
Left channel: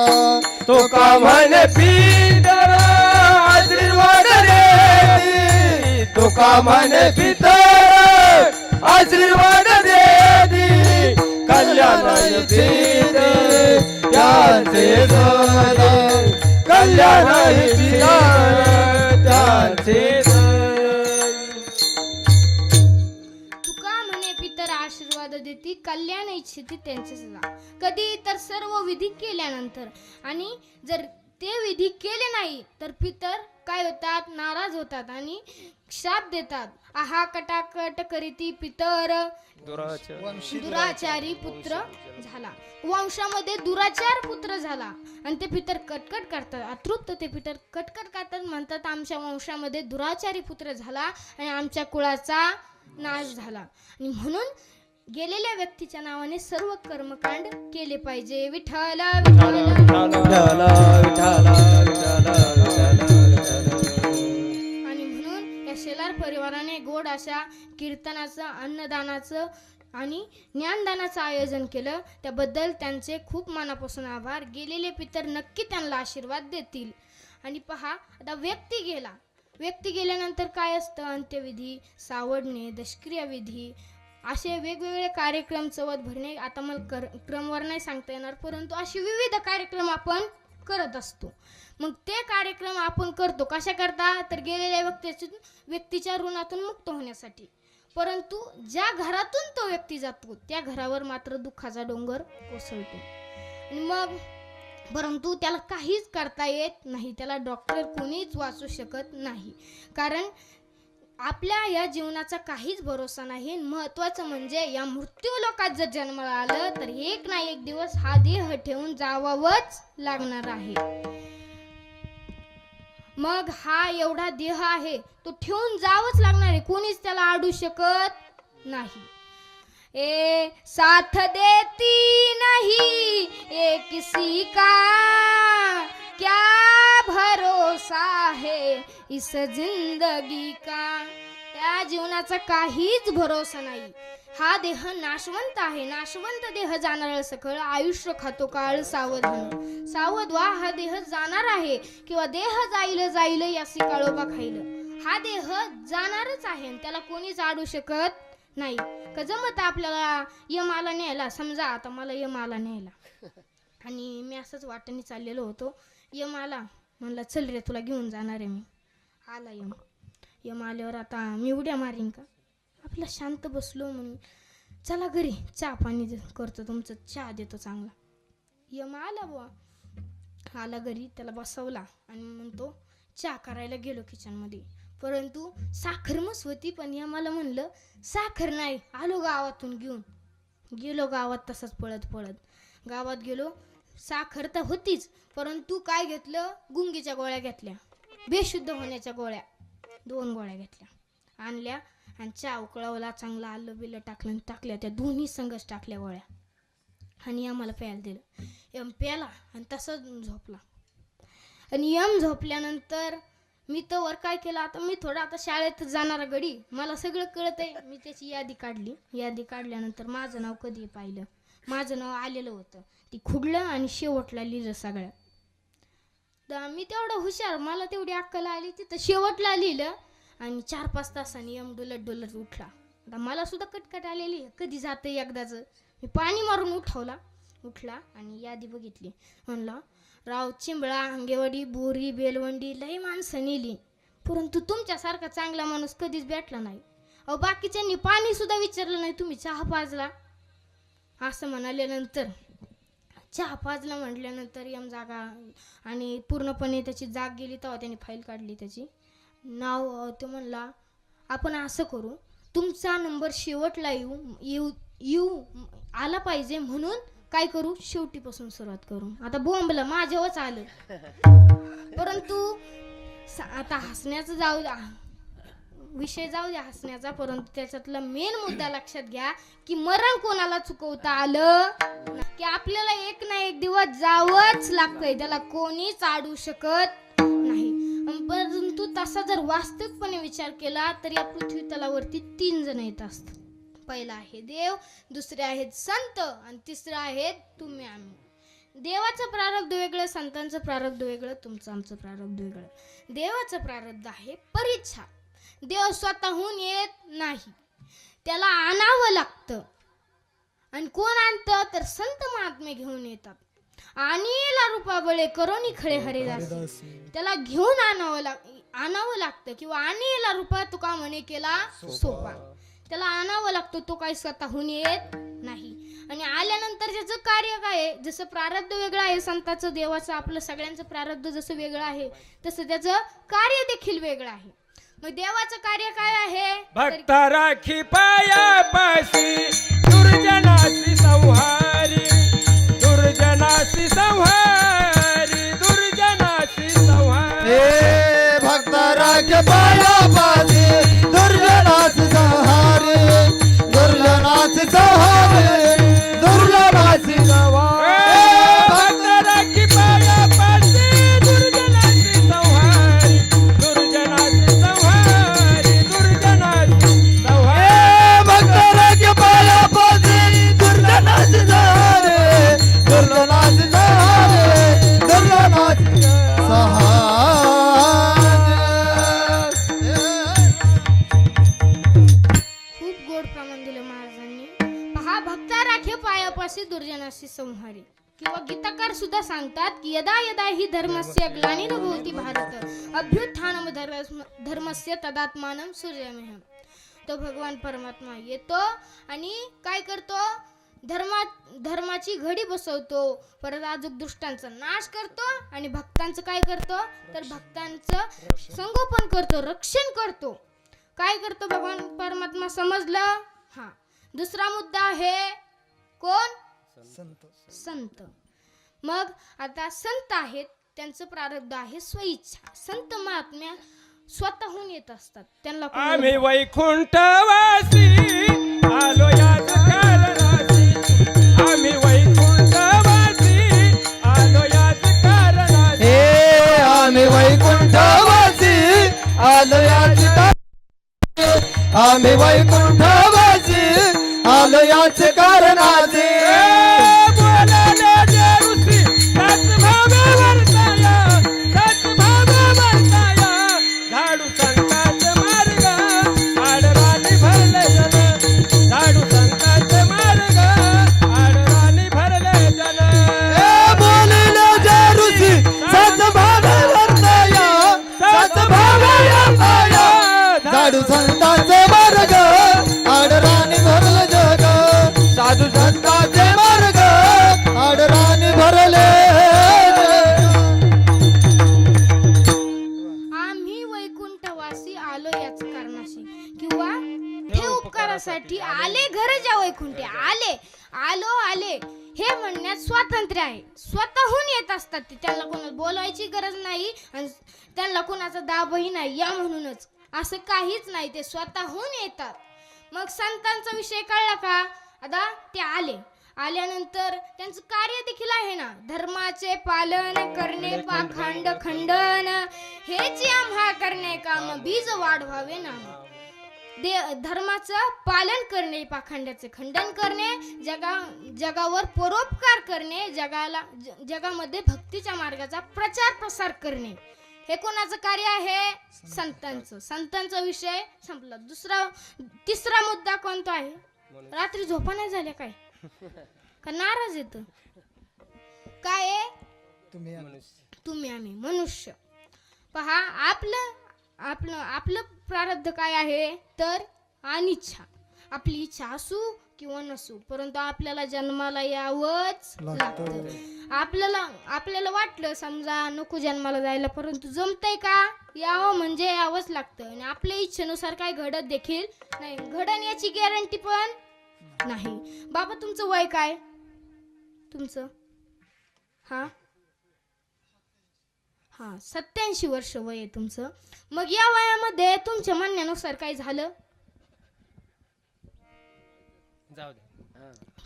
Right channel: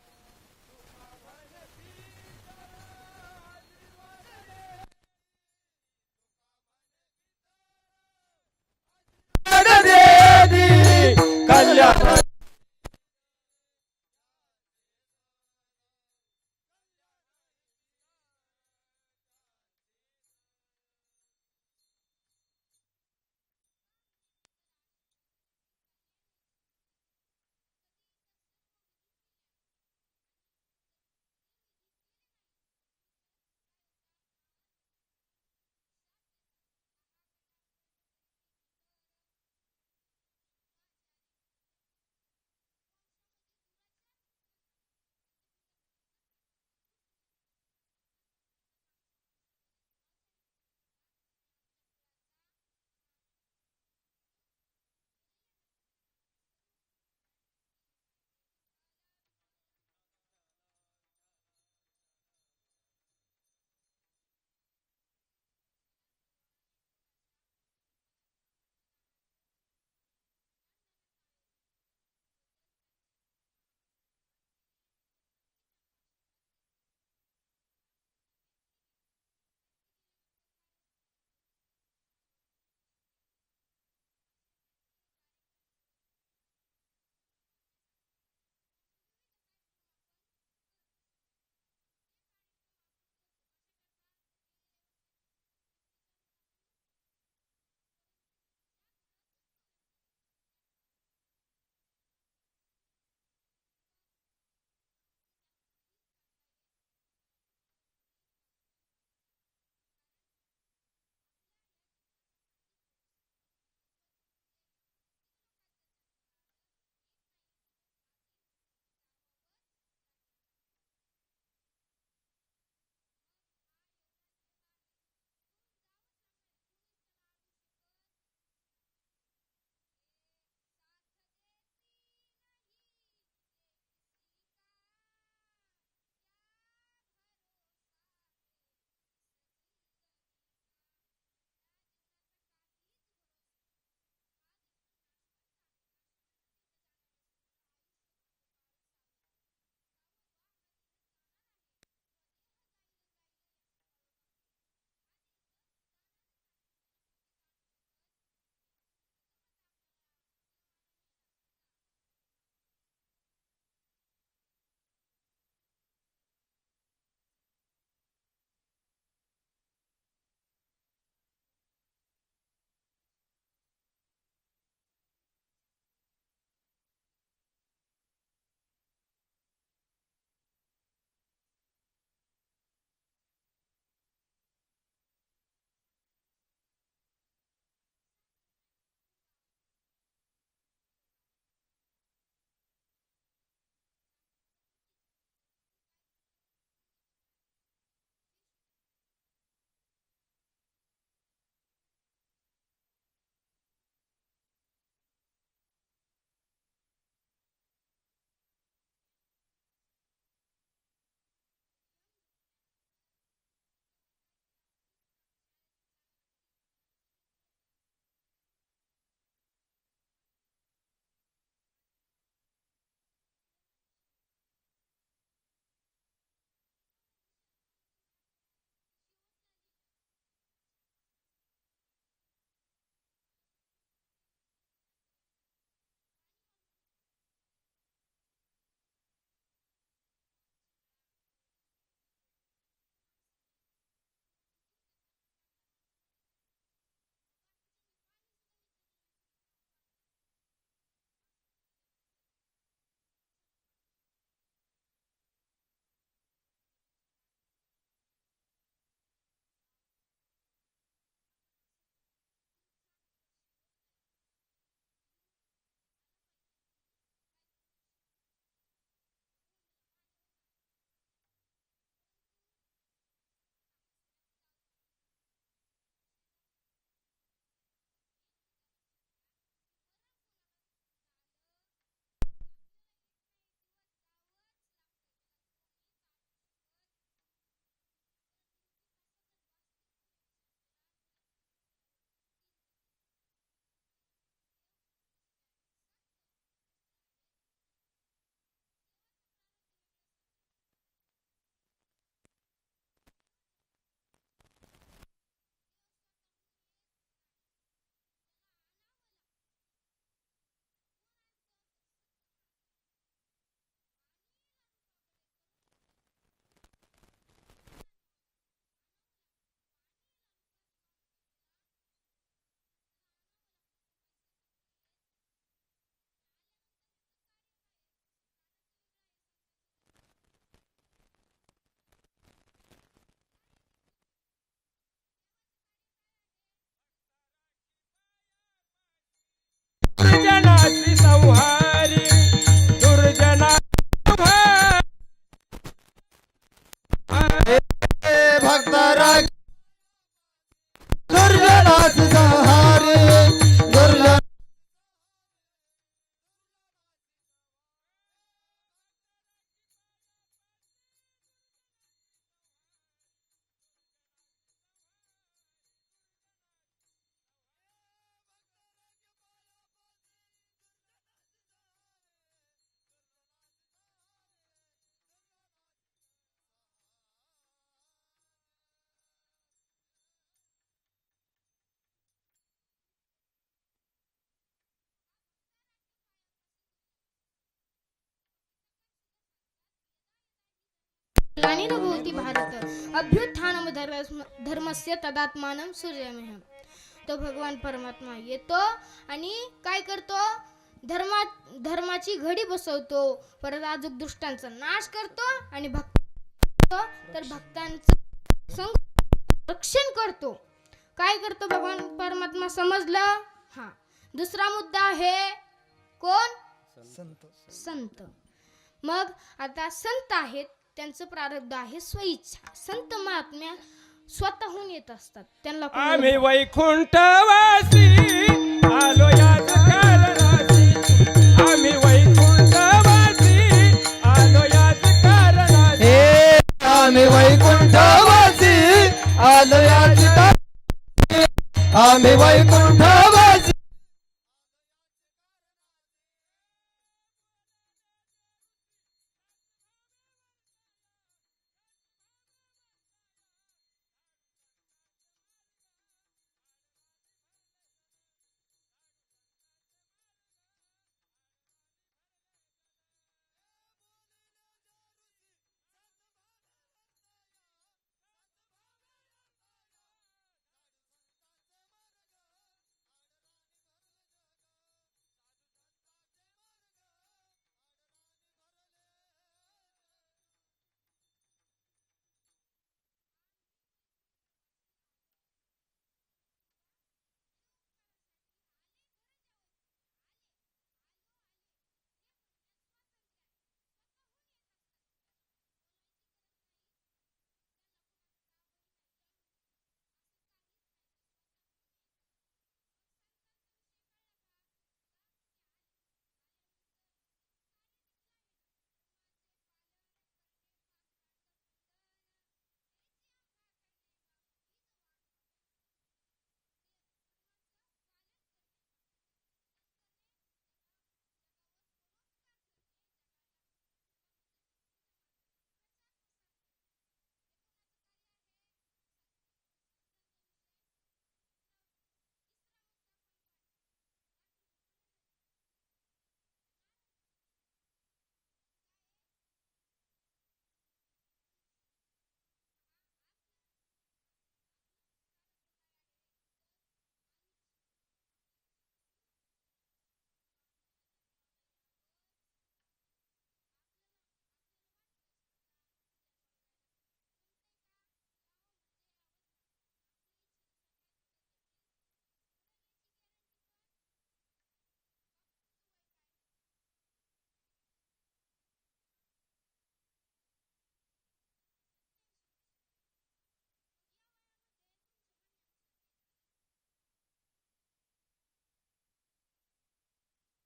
तुका म्हणे पितर आशीर्वाद देती, तुका म्हणे पितर आशीर्वाद देती, कल्याण इच्छेती त्यांचे सदा, कल्याण इच्छेती त्यांचे सदा. आशीर्वाद देती, कल्याण इच्छिती त्यांचे सदा. कधी तर सर्व विधी केल्यानंतर, आणि जर ते विधी केले नाही तर पितर काय होतात, नाराज होतात आणि शाप देतात. आहा कटाकट करीती पितर दुराचारी पुत्र झाला. वंशामध्ये दुराचार पुत्र झाला आणि ते पितर कटकट करतात, अतृप्त ते पितर कटकट करतात, म्हणतात आमच्या वंशामध्ये दुराचारी पुत्र झाला आणि आमच्या कुळाचा नाश झाला. आणि म्हणून गेलेल्या व्यक्तीच्या नावाने सर्व कर्मकांड केले पाहिजे. विठ्ठल विठ्ठल विठ्ठल विठ्ठल आणि म्हणून या शेलार परिवाराने गोड अशा कीर्तनाचं, अन्नदानाचं आणि ज्ञानदानाचं आयोजन केलं. त्याबद्दल त्यांचे खूप मनापासून आभार. गेलेले पितर नक्की त्यांना आशीर्वाद देतील. आणि पहा, आता व्यक्ती गेल्यानंतर काय असतं, अंत्यविधी, सावडणे, दशक्रिया विधी, असे वेगवेगळे कार्यक्रम, चवत भरणे, आता मला क्रमवर नाही सांगता येणार, परंतु असे विविध कार्यक्रम आपण करत असतो. मग ते कार्यक्रम आपण करतो कशा करता, तर गेलेल्या व्यक्तीच्या ऋणातून मुक्त होण्यासाठी. परंतु ज्या घरातून तो व्यक्ती जातो त्या घरावर मात्र दुःखाचा डोंगर कोसळतो. आणि मग परंतु त्याला काहीच करता येत नाही, त्याला डॉक्टर कोणीच वाचू शकत नाही, कारण आपल्या या जीवनाचा काहीच भरोसा नाही. महत्वाचं म्हणजे या मृत्यू लोकात जर जन्माला आलं तर एक ना एक दिवस हा देह ठेवून जावावंच लागणार आहे. मग हा एवढा देह आहे तो ठेवून जावंच लागणार आहे, कोणीच त्याला आडू शकत नाही. ए साथ देती नहीं ये किसी का, क्या भरोसा है इस जिंदगी का. या जीवनाचा काहीच भरोसा नाही. हा देह नाशवंत आहे, नाशवंत देह जाणार सकळ. आयुष्य खातो काळ सावध होणं, सावध व्हा, हा देह जाणार आहे किंवा देह जाईल जाईल यासी काळोबा खाईल. हा देह जाणारच आहे आणि त्याला कोणीच आडू शकत नाही. का जमत आपल्याला यम आला न्यायला, समजा आता मला यम आला न्यायला आणि मी असंच वाटेने चाललेलो होतो, यम आला, म्हणला चल रे तुला घेऊन जाणार आहे मी. आला यम. यम आल्यावर आता मी उड्या मारीन का? आपला शांत बसलो म्हणून चला घरी चहा पाणी करतो, तुमचं चहा देतो चांगला. यम आला बुवा, आला घरी, त्याला बसवला आणि म्हणतो चहा करायला गेलो किचनमध्ये, परंतु साखर मस होती, पण यमाला म्हणलं साखर नाही. आलो गावातून घेऊन, गेलो गावात तसंच पळत पळत गावात गेलो. साखर तर होतीच, परंतु काय घेतलं, गुंगीच्या गोळ्या घेतल्या, बेशुद्ध होण्याच्या गोळ्या 2 गोळ्या घेतल्या, आणल्या आणि चहा उकळवला, चांगला आलं बिलं टाकलं, टाकल्या त्या दोन्ही संगच टाकल्या गोळ्या आणि आम्हाला प्यायला दिलं. यम प्याला आणि तसंच झोपला. आणि यम झोपल्यानंतर मी तर वर काय केलं, आता मी थोडं आता शाळेत जाणारा गडी, मला सगळं कळत आहे. मी त्याची यादी काढली. यादी काढल्यानंतर माझं नाव कधी पाहिलं, माझं नाव आलेलं होतं, ती खुडलं आणि शेवटला लिहिलं सगळ्यात. तर मी तेवढं हुशार, मला तेवढी अक्कल आली, तिथं शेवटला लिहिलं आणि 4-5 तासांनी यम डुलत डुलत उठला. आता मला सुद्धा कटकट आलेली, कधी जातं एकदाच. मी पाणी मारून उठला आणि यादी बघितली. म्हणला राव चिंबळा, अंगेवाडी, बोरी, बेलवंडी लई माणसं नेली, परंतु तुमच्यासारखा चांगला माणूस कधीच भेटला नाही. अहो बाकीच्यांनी पाणी सुद्धा विचारलं नाही, तुम्ही चहा पाजला असं म्हणाल्यानंतर, चहा पाजला म्हटल्यानंतर यम जागा आणि पूर्णपणे त्याची जाग गेली. तेव्हा त्याने फाईल काढली, त्याची नाव तो म्हणला आपण असं करू, तुमचा नंबर शेवटला येऊ आला पाहिजे, म्हणून काय करू, शेवटीपासून सुरुवात करू. आता बोंबला माझ्यावरच आलं, परंतु आता हसण्याचं जाऊ द्या, विषय जाऊ द्या हसण्याचा, परंतु त्याच्यातला मेन मुद्दा लक्षात घ्या की मरण कोणाला चुकवता आलं की आपल्याला एक ना एक दिवस जावंच लागतंय, त्याला कोणीच आडू शकत नाही. परंतु तसा जर वास्तविकपणे विचार केला तर या पृथ्वी तलावरती 3 जण येत असतात. पहिला आहे देव, दुसरे आहेत संत आणि तिसरं आहेत तुम्ही आम्ही. देवाचं प्रारब्ध वेगळं, संतांचं प्रारब्ध वेगळं, तुमचं आमचं प्रारब्ध वेगळं. देवाचं प्रारब्ध आहे परीक्षा. देव स्वतःहून येत नाही, त्याला आणावं लागतं. आणि कोण आणतं तर संत महात्मे घेऊन येतात. आणीला रूपा बळे करोनी खळे हरिदास, त्याला घेऊन आणावं लागतं किंवा आणीला रूपा तुका म्हणे केला सोपा, त्याला आणावं लागतं, तो काही स्वतःहून येत नाही. आणि आल्यानंतर त्याचं कार्य काय आहे, जसं प्रारब्ध वेगळं आहे संताचं, देवाचं, आपलं सगळ्यांचं प्रारब्ध जसं वेगळं आहे तसं त्याचं कार्य देखील वेगळं आहे. मग देवाचं कार्य काय आहे, भक्त राखी पायापाशी, दुर्जनासी संहारी, दुर्जनासी संहारी, दुर्जनासी संहारी. भक्त राख पायापाशी, दुर्जनासी संहारी, दुर्जनासी संहारी, दुर्जनासी संहारी. भक्त राखी पायापाशी, दुर्जनासी संहारी, दुर्जनासी संहारी, दुर्जनासी संहारी. भक्त राख पायापाशी, दुर्जनासी संहारी, दुर्जनासी संहारी, दुर्जनासी संहारी. खूप गोड प्रमाण दिलं महाराजांनी. पहा, भक्ता राखे पायापाशी दुर्जनासी संहारी. किंवा गीताकार सुद्धा सांगतात की यदा यदा ही धर्मस्य ग्लानिन भवति भारत अभ्युत्थानम धर्मस्य तदात्मानं सूर्यमेहम. तो भगवान परमात्मा येतो आणि काय करतो, धर्माची घडी बसवतो, परत अजून दुष्टांचा नाश करतो आणि भक्तांचं काय करतो, तर भक्तांचं संगोपन करतो, रक्षण करतो. काय करतो भगवान परमात्मा समजलं. हा, दुसरा मुद्दा आहे कोण, संत. मग आता संत आहेत, त्यांचं प्रारब्ध आहे स्वइच्छा. संत महात्म्या स्वतःहून येत असतात, त्यांना आम्ही वैकुंठवासी आलो याच कारणासी. आम्ही वैकुंठवासी आलो याच कारणासी. हे आम्ही वैकुंठवासी आलो याच कारणाचे. आम्ही वैकुंठवासी आलो याच कारणाचे. बोलाले जे ऋषी सद्भाव वर्ताया, सद्भाव वर्ताया. झाडू संतांचे मार्ग आडराणी भरले जन. झाडू संतांचे मार्ग आडराणी भरले जन. हे बोलिले जे ऋषी सद्भाव वर्ताया, सद्भाव वर्ताया. झाडू संतांचे मार्ग आडराणी भरले जग. साधू संतांचे मार्ग आडराणी भरले आम्ही वैकुंठवासी आलो याच कारणाशी, किंवा हे उपकारासाठी आले घरच्या वैकुंठे. आले हे म्हणण्यात स्वातंत्र्य आहे. स्वतःहून येत असतात ते, त्यांना कोणाला बोलायची गरज नाही आणि त्यांना कोणाचा दाबही नाही. या म्हणूनच असं काहीच नाही, ते स्वतःहून येतात. मग संतांचा विषय कळला का. आता ते आल्यानंतर त्यांचं कार्य देखील आहे ना, धर्माचे पालन करणे, पाखंड खंडन हेच आम्हा करणे काम, बीज वाढवावे ना. धर्माचं पालन करणे, पाखंडाचे खंडन करणे, जगावर परोपकार करणे, जगामध्ये भक्तीच्या मार्गाचा प्रचार प्रसार करणे, हे कोणाचं कार्य आहे, संतांचं. संतांचा विषय संपला. तिसरा मुद्दा कोणता आहे. रात्री झोपा नाही झाल्या काय, का नाराज येत काय आहे. तुम्ही आम्ही मनुष्य. पहा, आपलं प्रारब्ध काय आहे, तर अनिच्छा. आपली इच्छा असू किंवा नसू, परंतु आपल्याला जन्माला यावंच लागतं. आपल्याला वाटलं समजा नको जन्माला जायला, परंतु जमतंय का, यावं म्हणजे यावंच लागतं. आणि आपल्या इच्छेनुसार काय घडत देखील नाही, घडण याची गॅरंटी पण नाही. बाबा तुमचं वय काय, तुमचं हा 87 वर्ष वय आहे तुमचं. मग या वयामध्ये तुमच्या म्हणण्यानुसार काय झालं, जाऊ दे.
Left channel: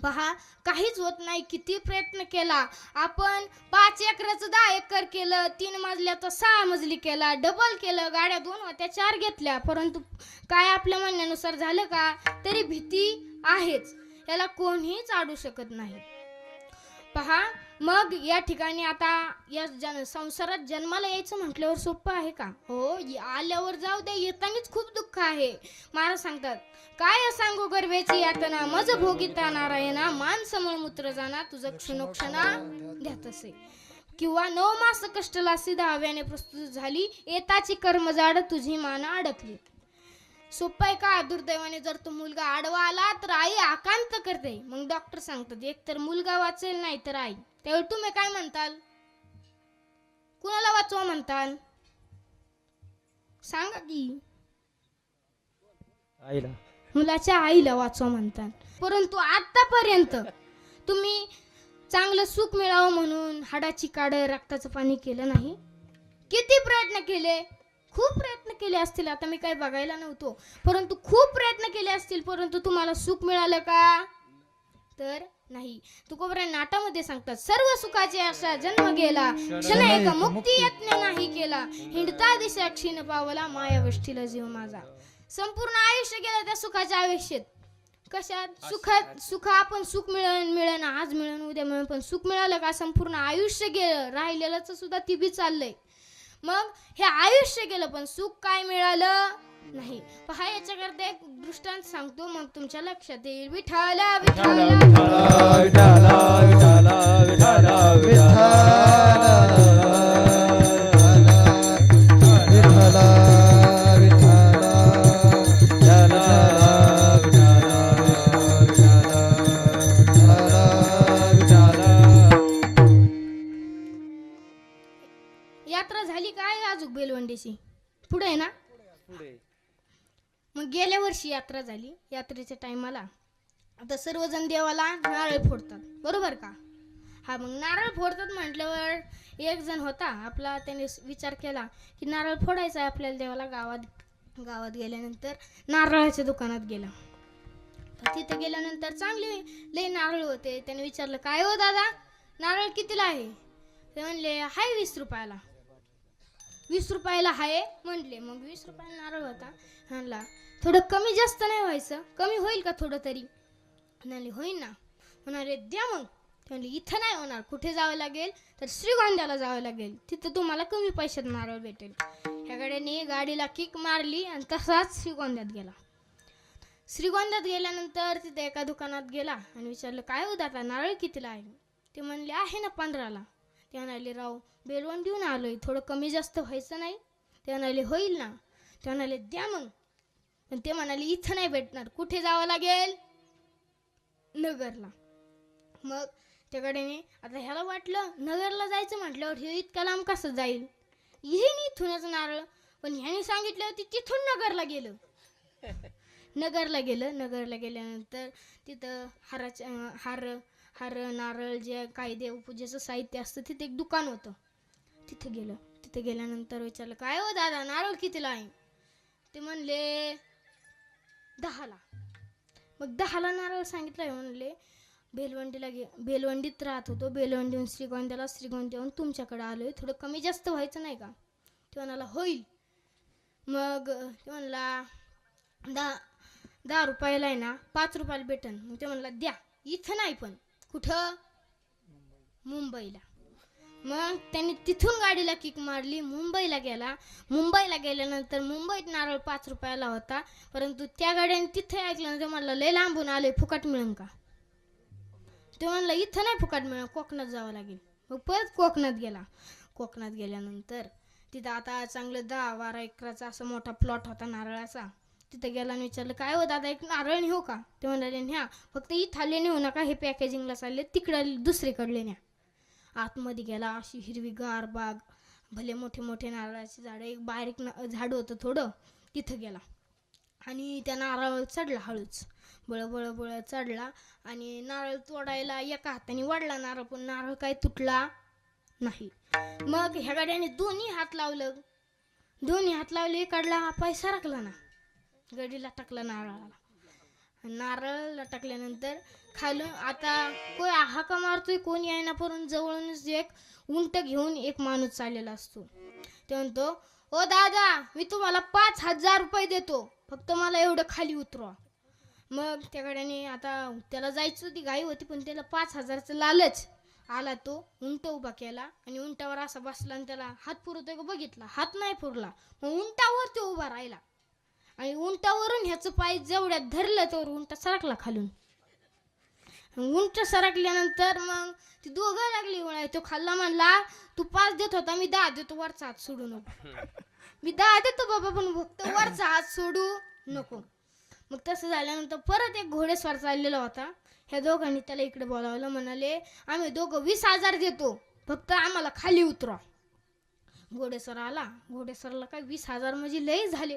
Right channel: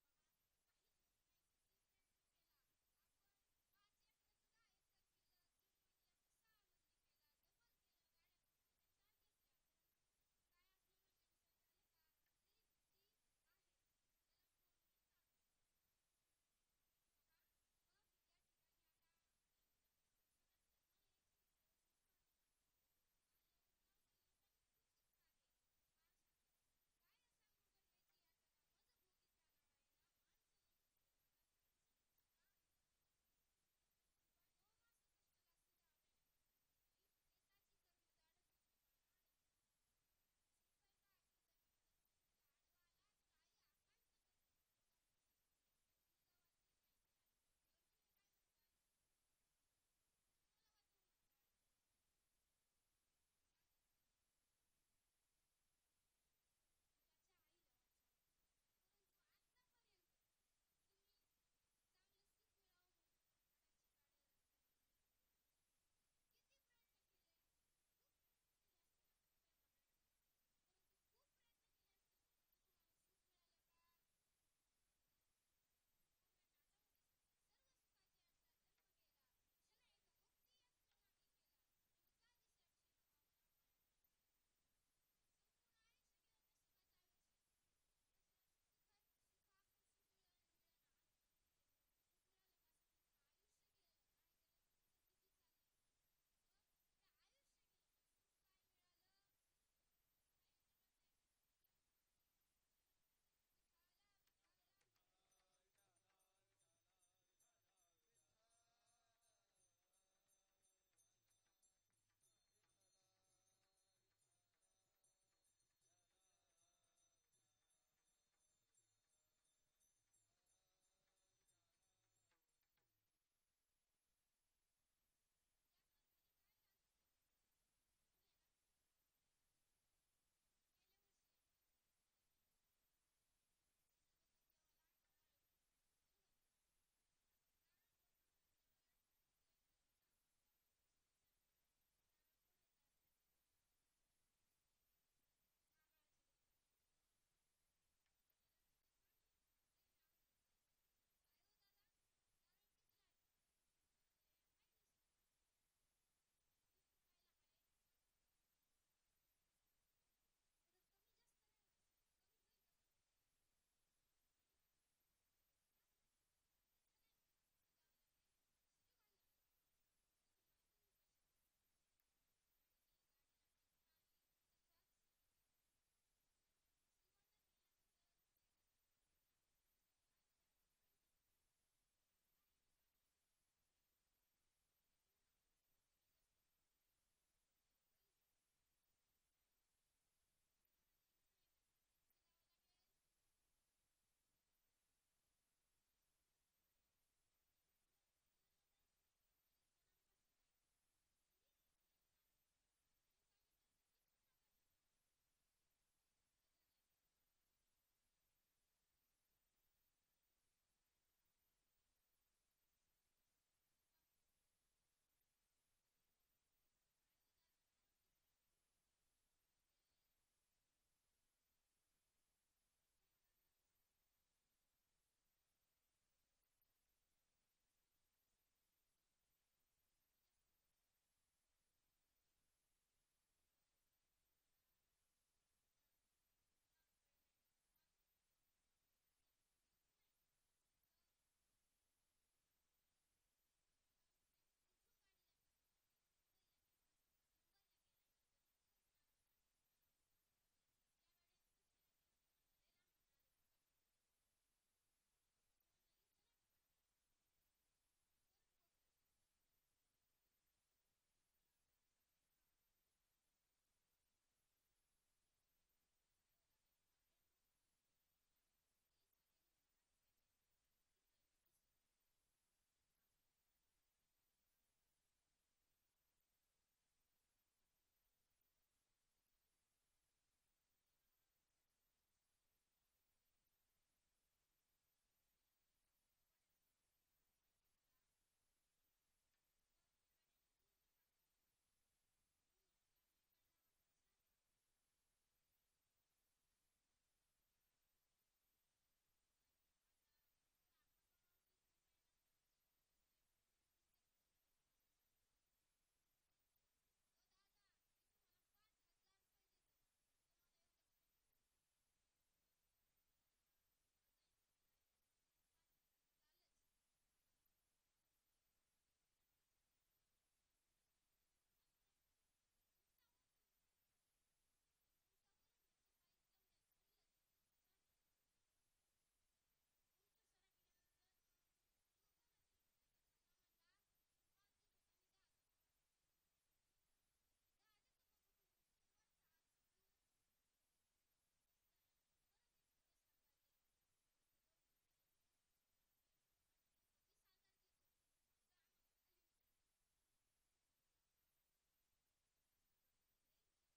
पहा काहीच होत नाही. किती प्रयत्न केला आपण, 5 एकराचं 10 एकर केलं, 3 मजल्याचं 6 मजली केला, डबल केलं, गाड्या 2 होत्या 4 घेतल्या, परंतु काय आपल्या म्हणण्यानुसार झालं का. तरी भीती आहेच, याला कोणीच अडू शकत नाही. पहा, मग या ठिकाणी आता या संसारात जन्माला यायचं म्हटल्यावर सोपं आहे का. हो, आल्यावर जाऊ दे, येतानीच खूप दुःख आहे. महाराज सांगतात, काय सांगू गर्भेची यातना, मज भोगिता नारायणा, मानस मूत्र जाना, तुझं क्षणोक्षणा द्यात असे. किंवा 9 मास कष्टला सिद्धा हव्याने प्रस्तुत झाली, येताची कर्मजाड तुझी मान अडकली. सोपं आहे का. दुर्दैवाने जर तो मुलगा आडवा आला तर आई आकांत करते. मग डॉक्टर सांगतात एक तर मुलगा वाचेल, नाही तर आई. त्यावेळी तुम्ही काय म्हणताल, कुणाला वाचवा म्हणताल, सांगा की. आईला, मुलाच्या आईला वाचवा म्हणतात. परंतु आतापर्यंत तुम्ही चांगलं सुख मिळावं म्हणून हाडाची काढ, रक्ताचं पाणी केलं नाही. किती प्रयत्न केले, खूप प्रयत्न केले असतील. आता मी काही बघायला नव्हतो, परंतु खूप प्रयत्न केले असतील, परंतु तुम्हाला सुख मिळालं का, तर नाही. तुकोबरा नाटामध्ये सांगतात, सर्व सुखाची आशा जन्म गेला, क्षण एक मुक्ती यत्न नाही केला, हिंडता दिशा क्षीण पावला, माया वष्टीला जीव माझा. संपूर्ण आयुष्य गेलं त्या सुखाच्या आयुष्यात. कशात, सुख आपण सुख मिळेल आज मिळेल उद्या मिळेल, पण सुख मिळालं का, संपूर्ण आयुष्य गेलं, राहिलेलंच सुद्धा ती बी चाललंय. मग हे आयुष्य गेलं पण सुख काय मिळालं नाही. पहा, याच्याकरता एक दृष्टांत सांगतो, मग तुमच्या लक्षात येईल. विठ्ठल विठ्ठल विठ्ठल अजून बेलवंडीची पुढे आहे ना. पुढे मग गेल्या वर्षी यात्रा झाली. यात्रेच्या टायमाला आता सर्वजण देवाला नारळ फोडतात बरोबर का. हा मग नारळ फोडतात म्हटल्यावर एक जण होता आपला, त्याने विचार केला की नारळ फोडायचा आहे आपल्याला देवाला. गावात गेल्यानंतर नारळाच्या दुकानात गेला. तर तिथे गेल्यानंतर चांगले लय नारळ होते. त्याने विचारलं काय हो दादा नारळ कितीला आहे. ते म्हणले हाय 20 रुपयाला. 20 रुपयाला हाय म्हणले. मग 20 रुपयाला नारळ होता. म्हणला थोडं कमी जास्त नाही व्हायचं, कमी होईल का थोडं तरी. म्हणाले होईल ना. म्हणाले द्या मग. ते म्हणले इथं नाही होणार, कुठे जावं लागेल तर श्रीगोंद्याला जावं लागेल, तिथं तुम्हाला कमी पैशात नारळ भेटेल. ह्या गाड्याने गाडीला किक मारली आणि तसाच श्रीगोंद्यात गेला. श्रीगोंद्यात गेल्यानंतर तिथे एका दुकानात गेला आणि विचारलं काय हो दादा नारळ कितीला आहे. ते म्हणले आहे ना 15ला. ते म्हणाले राव बेलवंडीहून आलोय, थोडं कमी जास्त व्हायचं नाही. ते म्हणाले होईल ना. ते म्हणाले द्या मग. पण ते म्हणाले इथं नाही भेटणार, कुठे जावं लागेल नगरला. मग त्याकडे आता ह्याला वाटलं नगरला जायचं म्हटल्यावर हे इतका लांब कसं जाईल, येईन इथूनच नारळ. पण ह्याने सांगितलं होती तिथून नगरला गेलं. नगरला गेल्यानंतर तिथं हार नारळ जे काही देवपूजेचं साहित्य असतं तिथे एक दुकान होतं. तिथे गेल्यानंतर विचारलं काय हो दादा नारळ कितीला आहे. ते म्हणले 10ला. मग 10ला नारळ सांगितलं. म्हणले बेलवंडीत राहत होतो, बेलवंडीहून श्रीगोंद्याला, श्रीगोंद्याहून तुमच्याकडे आलोय, थोडं कमी जास्त व्हायचं नाही का. ते म्हणाला होईल. मग ते म्हणला 10 रुपयाला आहे ना 5 रुपयाला भेटन. मग ते म्हणला द्या. इथं नाही पण कुठं मुंबईला. मग त्यांनी तिथून गाडीला किक मारली, मुंबईला गेला. मुंबईला गेल्यानंतर मुंबईत नारळ 5 रुपयाला होता. परंतु त्या गाड्याने तिथे ऐकलं ते म्हणलं लय लांबून आले फुकट मिळेल का. ते म्हणलं इथं नाही फुकट मिळेल, कोकणात जावं लागेल. मग परत कोकणात गेला. कोकणात गेल्यानंतर तिथं आता चांगलं 10-12 एकराचा असा मोठा प्लॉट होता नारळाचा. तिथे गेला आणि विचारलं काय हो दादा एक नारळ नेऊ का. ते म्हणाले न्या, फक्त इथले नेऊ नका, हे पॅकेजिंगला चालले, तिकडे दुसरीकडले न्या. आतमध्ये गेला. अशी हिरवीगार बाग, भले मोठे मोठे नारळाचे झाडं, एक बारीक झाड होतं थोडं. तिथं गेला आणि त्या नारळ चढला हळूच, बळ चढला आणि नारळ तोडायला एका हाताने वाढला नारळ, पण नारळ काही तुटला नाही. मग ह्या गाड्याने दोन्ही हात लावले, काढला पाय सरकला ना. गडीला टाकला नारळाला टाकल्यानंतर खालून आता कोण हाका मारतोय कोण यायना, परंतु जवळूनच एक उंट घेऊन एक माणूस चाललेला असतो. ते म्हणतो ओ दादा मी तुम्हाला 5,000 रुपये देतो, फक्त मला एवढं खाली उतरवा. मग त्या गाड्याने आता त्याला जायचं होती, घाई होती, पण त्याला 5,000चं लालच आला. तो उंट उभा केला आणि उंटावर असा बसला आणि त्याला हात पुरवतोय का बघितला, हात नाही पुरला. मग उंटावर तो उभा राहिला आणि उंटावरून ह्याचं पाय जेवढ्यात धरलं तर उंट सरकला खालून. उंट सरकल्यानंतर मग ती दोघं लागली वळाय. तो खाल्ला म्हणला तू 5 देत होता, मी 10 देतो, वरचा हात सोडू नको. मी 10 देतो बाबा, पण फक्त वरचा हात सोडू नको. मग तसं झाल्यानंतर परत एक घोडेस्वार चाललेला होता. ह्या दोघांनी त्याला इकडे बोलावलं. म्हणाले आम्ही दोघं 20,000 देतो, फक्त आम्हाला खाली उतरा. घोडेस्वार आला. घोडेस्वारला काय 20,000 म्हणजे लय झाले.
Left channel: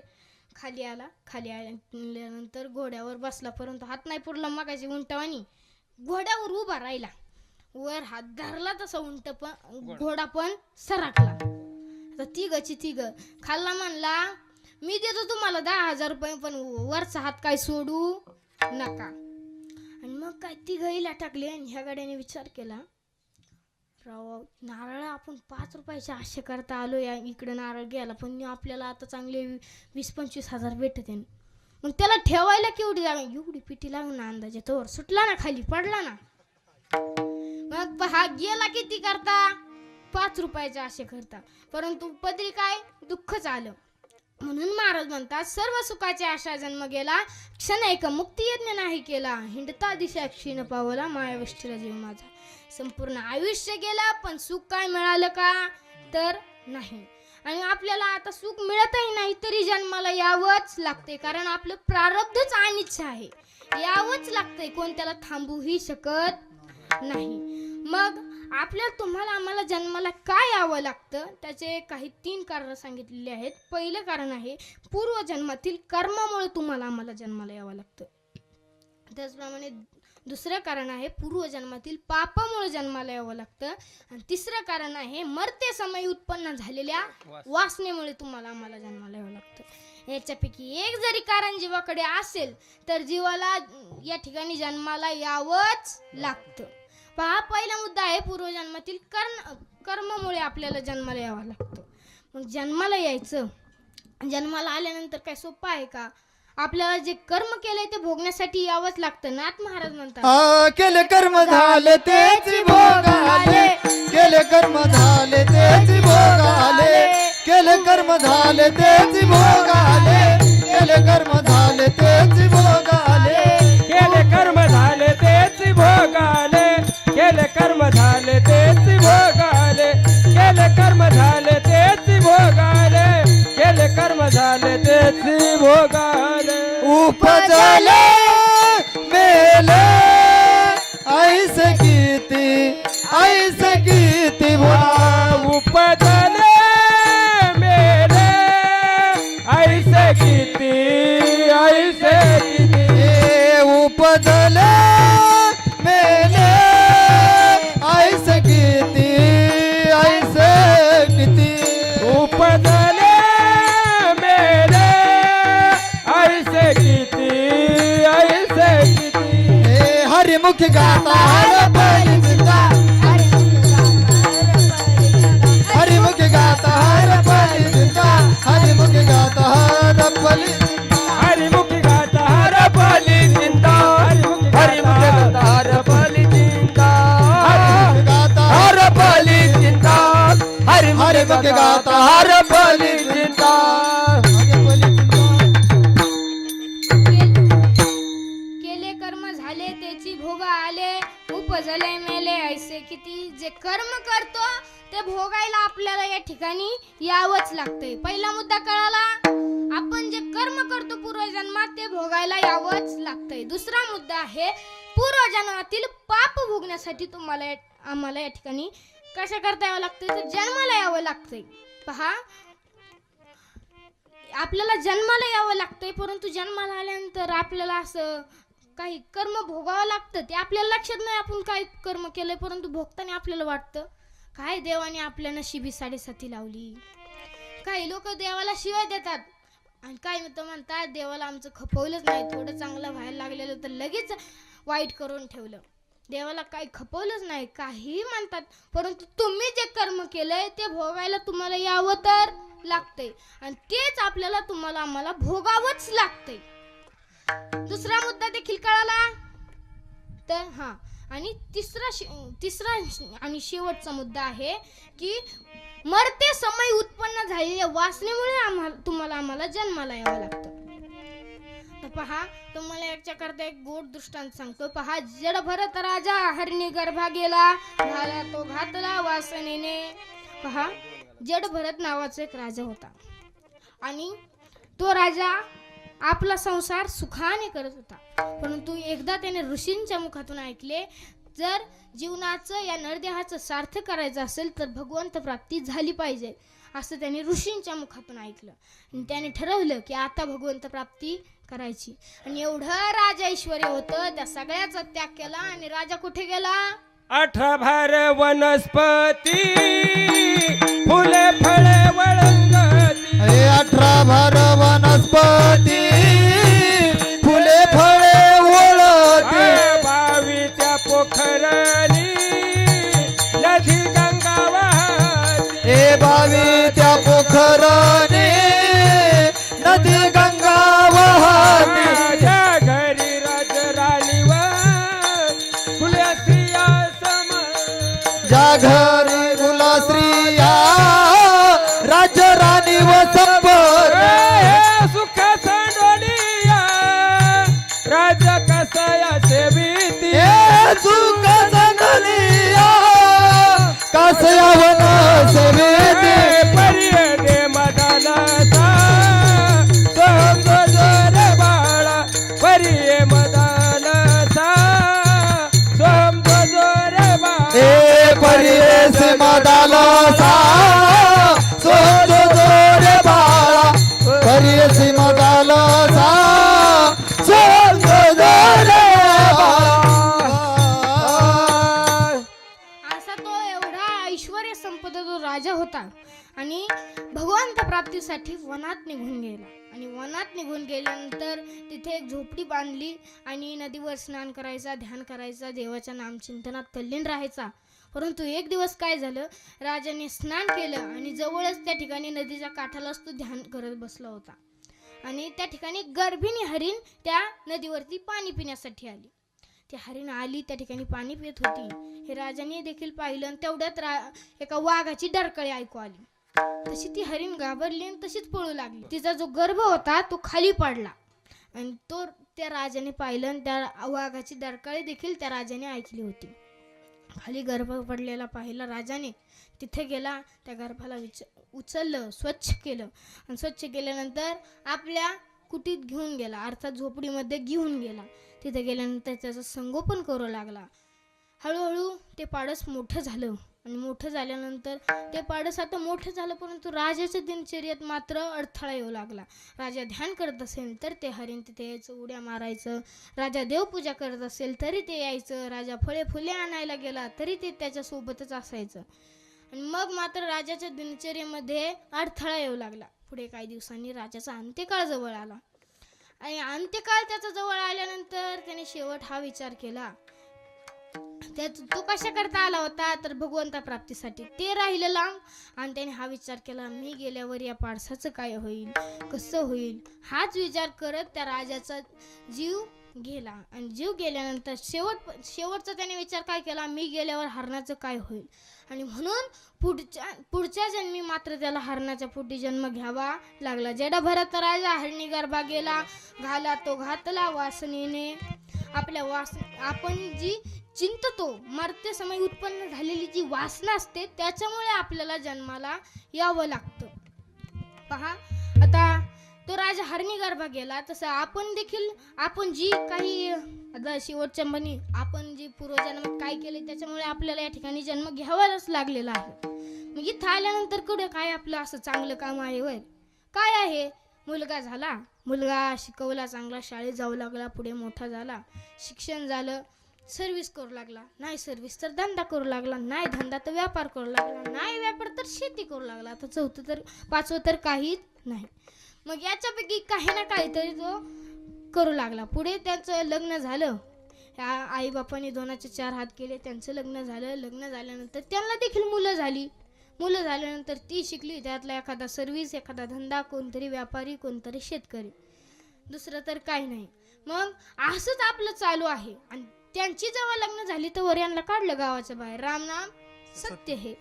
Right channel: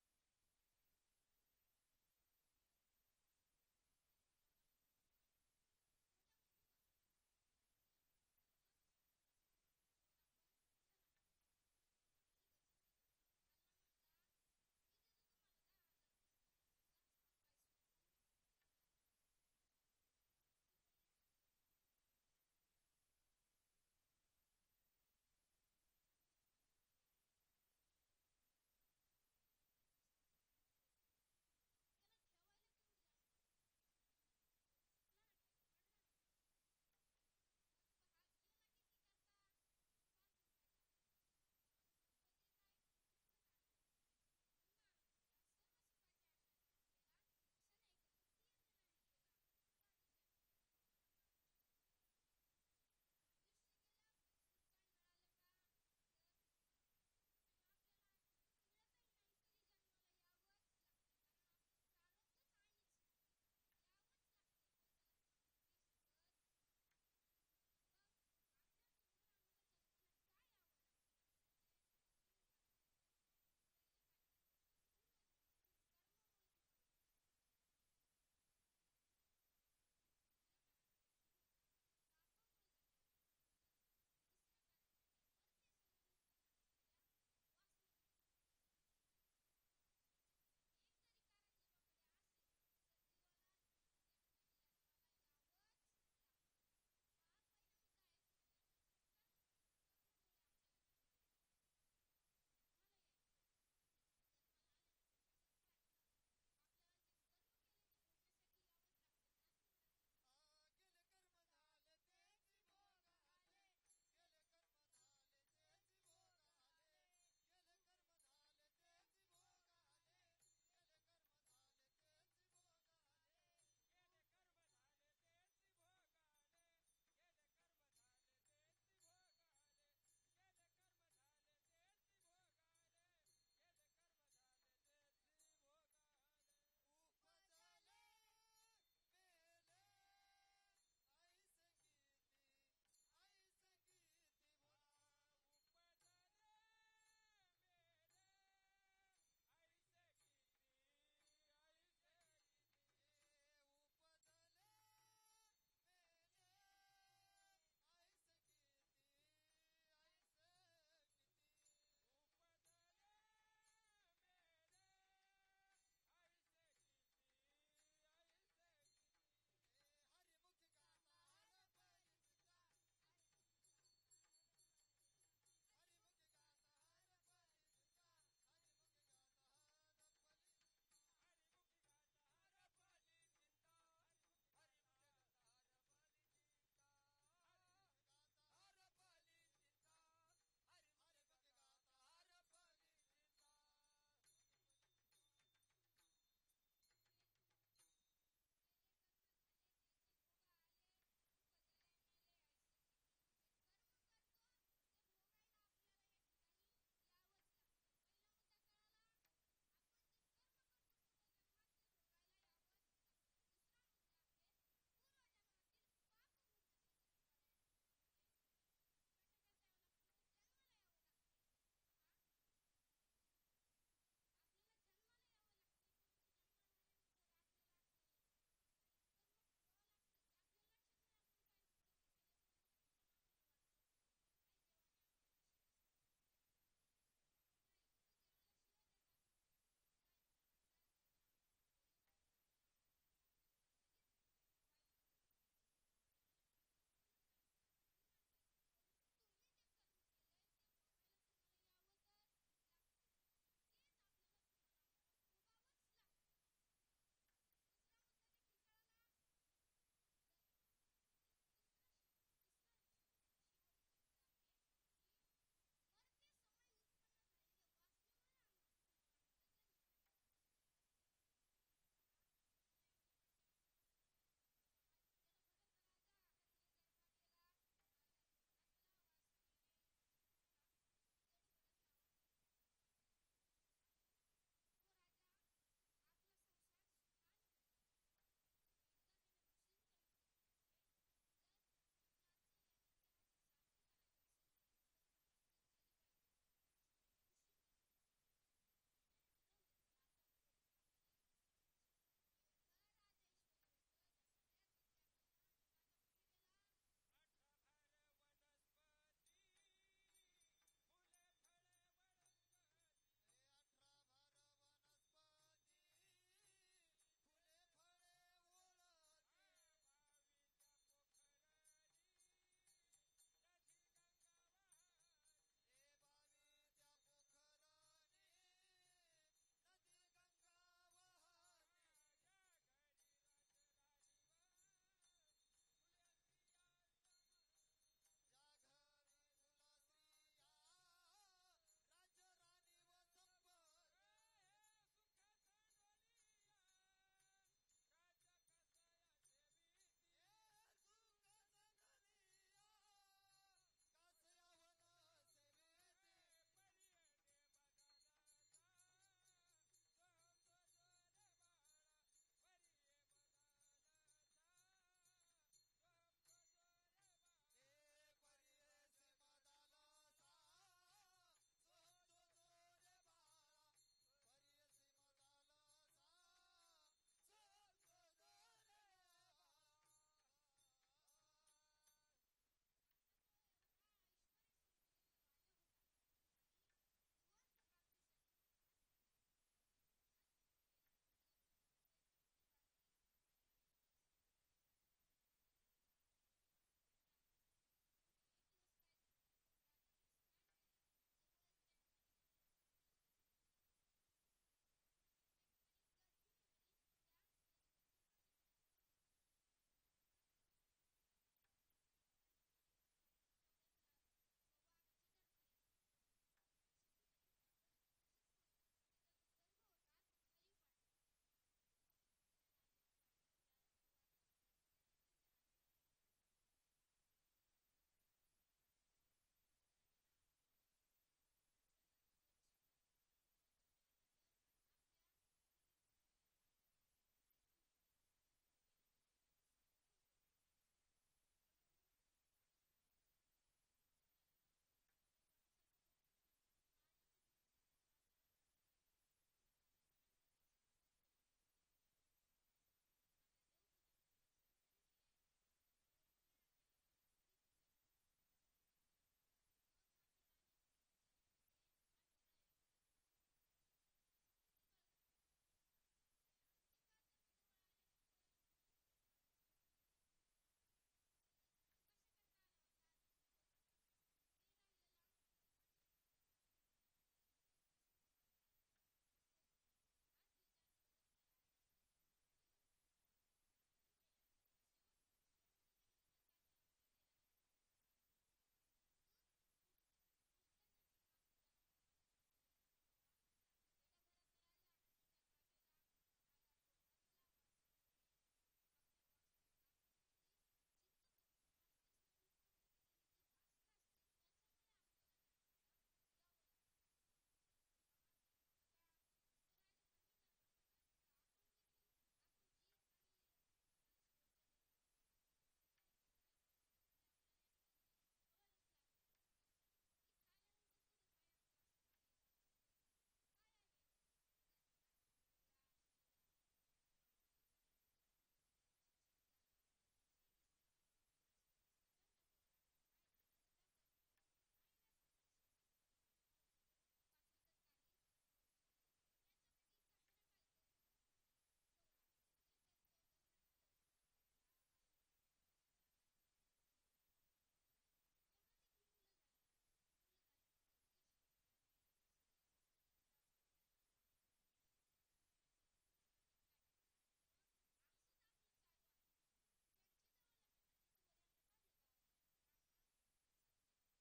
खाली आल्यानंतर घोड्यावर बसला, परंतु हात नाही पुरला मगाशी उंटवानी. घोड्यावर उभा राहिला, वर हात धरला तसा घोडा पण सरकला. आता तिघ खाल्ला म्हणला मी देतो तुम्हाला 10,000 रुपये, पण वरचा हात काय सोडू नका. आणि मग काय तिघहीला टाकले. आणि ह्या गाड्याने विचार केला राव नारळ आपण 5 रुपयाच्या आशे करता आलो, या इकडे नारळ गेला, पण आपल्याला आता चांगले 20-25,000 भेटत आहे. मग त्याला ठेवायला केवढी जागा, एवढी पिटी लागून ना अंदाजे, तोवर सुटला ना, खाली पडला ना. मग हा गेला किती करता 5 रुपयाच्या आशे करता, परंतु पदरी काय दुःखच आलं. म्हणून महाराज म्हणतात सर्व सुखाची आशा जन्म गेला, क्षण एक मुक्ती यज्ञ नाही केला, हिंडता दिशा क्षीण पावला, मायाविष्ठीला जीव माझा. संपूर्ण आयुष्य गेला पण सुख काय मिळालं का तर नाही. आणि आपल्याला आता सुख मिळतही नाही तरी जन्माला यावंच लागते, कारण आपलं प्रारब्धच अनिच्छा आहे, यावंच लागतंय, कोण त्याला थांबूही शकत नाही. मग आपल्याला तुम्हाला आम्हाला जन्माला काय यावं लागतं त्याचे काही 3 कारण सांगितलेले आहेत. पहिलं कारण आहे पूर्वजन्मातील कर्मामुळे तुम्हाला आम्हाला जन्माला यावं लागतं. त्याचप्रमाणे दुसरं कारण आहे पूर्वजन्मातील पापामुळे जन्माला यावं लागतं. आणि तिसरं कारण आहे मरते समय उत्पन्न झालेल्या वासनेमुळे तुम्हाला आम्हाला जन्माला यावं लागतं. याच्यापैकी एक जरी कारण जीवाकडे असेल तर जीवाला या ठिकाणी जन्माला यावंच लागतं. पहा, पहिला मुद्दा आहे पूर्वजन्मातील कर्मामुळे आपल्याला जन्माला यावं लागतं. मग जन्माला यायचं, जन्माला आल्यानंतर काय सोपं आहे का? आपल्याला जे कर्म केलंय ते भोगण्यासाठी यावंच लागतं. नाथ महाराज म्हणतात केले कर्म झाले तेच भोग आले, केले कर्म झाले तेच भोग आले, केले कर्म झाले तेच भोग आले, केले कर्म झाले तेच भोग आले, केले कर्म झाले तेच भोग आले, केले कर्म झाले तेच भोग आले, केले कर्म झाले तेच भोग आले, केले कर्म झाले तेच भोग आले. उपजले मेले ऐस किती भोग उपजले मेले ऐसे किती उपजले मेले ऐस किती उपजले मेले ऐसे किती हरिमुख गाता हरपली चिंता, हरिमुख गाता हरपली चिंता, हरिमुख गाता हरपली हरिमुखी गाता हरपली चिंता, हरिमुखी गाता हरपली चिंता, गाता हरपली चिंता, हरिमुख गाता हरपली चिंता. केले कर्म झाले त्याची भोग आले, उपजले मेले ऐसे किती. जे कर्म करतो ते भोगायला आपल्याला या ठिकाणी यावंच लागतंय. पहिला मुद्दा कळाला. आपण जे कर्म करतो पूर्वजन्मात ते भोगायला यावंच लागतंय. दुसरा मुद्दा आहे पूर्वजन्मातील पाप भोगण्यासाठी तुम्हाला आम्हाला या ठिकाणी कशा करता यावं लागतंय तर जन्माला यावं लागतंय. पहा, आपल्याला जन्माला यावं लागतंय, परंतु जन्माला आल्यानंतर आपल्याला असं काही कर्म भोगावं लागतं. ते आपल्याला लक्षात नाही आपण काय कर्म केलंय, परंतु भोगताना आपल्याला वाटतं काय देवाने आपल्या नशिबी 7.5 लावली. काही लोक देवाला शिवाय देतात आणि काय म्हणतात देवाला आमचं खपवलंच नाही, थोडं चांगलं व्हायला लागलेलं तर लगेच वाईट करून ठेवलं. देवाला काही खपवलंच नाही काही म्हणतात, परंतु तुम्ही जे कर्म केलंय ते भोगायला तुम्हाला यावं तर लागतंय आणि तेच आपल्याला तुम्हाला आम्हाला भोगावंच लागतंय. दुसरा मुद्दा देखील कळाला. तर आणि तिसरा आणि शेवटचा मुद्दा आहे की मरते समय उत्पन्न झालेल्या वासनेमुळे तुम्हाला आम्हाला जन्माला यावं लागतं. तर पहा, तुम्हाला याच्याकरता एक गोड दृष्टांत सांगतो. पहा, जड भरत राजा हरणी गर्भा गेला, झाला तो घातला वासनेने. पहा, जड भरत नावाचा एक राजा होता आणि तो राजा आपला संसार सुखाने करत होता. परंतु एकदा त्याने ऋषींच्या मुखातून ऐकले, जर जीवनाचं या नरदेहाचं सार्थक करायचं असेल तर भगवंत प्राप्ती झाली पाहिजे, असं त्याने ऋषींच्या मुखातून ऐकलं आणि त्याने ठरवलं की आता भगवंत प्राप्ती करायची. आणि एवढं राजा ऐश्वर्य होतं, त्या सगळ्याचा त्याग केला आणि राजा कुठे गेला? 18 भार वनस्पती फुले फळे वळंगती, 18 भार वनस्पती फुले फळे ओळती, 22 त्या पोखरणी नदी गंगा वाहती, 22 त्या पोखराने नदी गंगा वाहती, माझ्या घरी राजराणीवर फुले स्त्रिया सम, ज्या घरी गुला स्त्रिया राज्य आणि भगवंत प्राप्तीसाठी वनात निघून गेला. आणि वनात निघून गेल्यानंतर तिथे एक झोपडी बांधली आणि नदीवर स्नान करायचा, ध्यान करायचा, देवाच्या नामचिंतनात तल्लीन राहायचा. परंतु एक दिवस काय झालं, राजाने स्नान केलं आणि जवळच त्या ठिकाणी नदीच्या काठालाच तो ध्यान करत बसला होता. आणि त्या ठिकाणी गर्भिणी हरीण त्या नदीवरती पाणी पिण्यासाठी आली. ती हरीण आली, त्या ठिकाणी पाणी पित होती. हे राजाने देखील पाहिलं आणि तेवढ्यात एका वाघाची डरकळी ऐकू आली. तशी ती हरीण घाबरली आणि तशीच पळू लागली. तिचा जो गर्भ होता तो खाली पडला आणि तो त्या राजाने पाहिलं आणि त्या वाघाची डरकळी देखील त्या राजाने ऐकली होती. खाली गर्भ पडलेला पाहिला राजाने, तिथे गेला, त्या गर्भाला उचललं, स्वच्छ केलं आणि स्वच्छ केल्यानंतर आपल्या कुटीत घेऊन गेला, अर्थात झोपडीमध्ये घेऊन गेला. तिथे गेल्यानंतर त्याचं संगोपन करू लागला. हळूहळू ते पाडस मोठं झालं आणि मोठं झाल्यानंतर ते पाडस आता मोठं झालं, परंतु राजाच्या दिनचर्येत मात्र अडथळा येऊ लागला. राजा ध्यान करत असेल तर ते हरीण तिथे यायचं, उड्या मारायचं. राजा देवपूजा करत असेल तरी ते यायचं. राजा फळे फुले आणायला गेला तरी ते त्याच्यासोबतच असायचं. आणि मग मात्र राजाच्या दिनचर्येमध्ये अडथळा येऊ लागला. पुढे काही दिवसांनी राजाचा अंत्यकाळ जवळ आला आणि अंत्यकाळ त्याचा जवळ आल्यानंतर त्याने शेवट हा विचार केला. तो कशा करता आला होता, तर भगवंता प्राप्तीसाठी. ते राहिलं लांब आणि त्याने हा विचार केला, मी गेल्यावर या पाडसाचं काय होईल, कसं होईल. हाच विचार करत त्या राजाचा जीव गेला. आणि जीव गेल्यानंतर शेवटचा त्याने विचार काय केला, मी गेल्यावर हरणाचं काय होईल. आणि म्हणून पुढच्या जन्मी मात्र त्याला हरणाच्या पोटी जन्म घ्यावा लागला. जेडा भरत राजा हरणी गर्भा गेला, घाला तो घातला वासनेने. आपल्या आपण जी चिंततो, मरते समय उत्पन्न झालेली जी वासना असते त्याच्यामुळे आपल्याला जन्माला यावं लागतं. पहा, आता तो राजा हरणी गर्भा गेला, तसं आपण देखील आपण जी काही आता शेवटच्या म्हणी आपण जी पूर्वजन्मात काय केले त्याच्यामुळे आपल्याला या ठिकाणी जन्म घ्यावाच लागलेला आहे. मग इथं आल्यानंतर कुठे काय आपलं असं चांगलं काम आहे वर काय आहे. मुलगा झाला, मुलगा शिकवला, चांगला शाळेत जाऊ लागला, पुढे मोठा झाला, शिक्षण झालं, सर्व्हिस करू लागला, नाही सर्व्हिस तर धंदा करू लागला, नाही धंदा तर व्यापार करू लागला, नाही व्यापार तर शेती करू लागला, आता चौथं तर पाचवं तर काहीच नाही. मग याच्यापैकी काही ना काहीतरी तो करू लागला. पुढे त्याचं लग्न झालं, आई बापाने 2चे 4 हात केले, त्यांचं लग्न झालं. लग्न झाल्यानंतर त्यांना देखील मुलं झाली. मुलं झाल्यानंतर ती शिकली, त्यातला एखादा सर्व्हिस, एखादा धंदा, कोणतरी व्यापारी, कोणतरी शेतकरी, दुसरं तर काही नाही. मग असंच आपलं चालू आहे. आणि त्यांची जेव्हा लग्न झाली तर वऱ्यांना काढलं गावाच्या बाहेर, राम नाम सत्य हे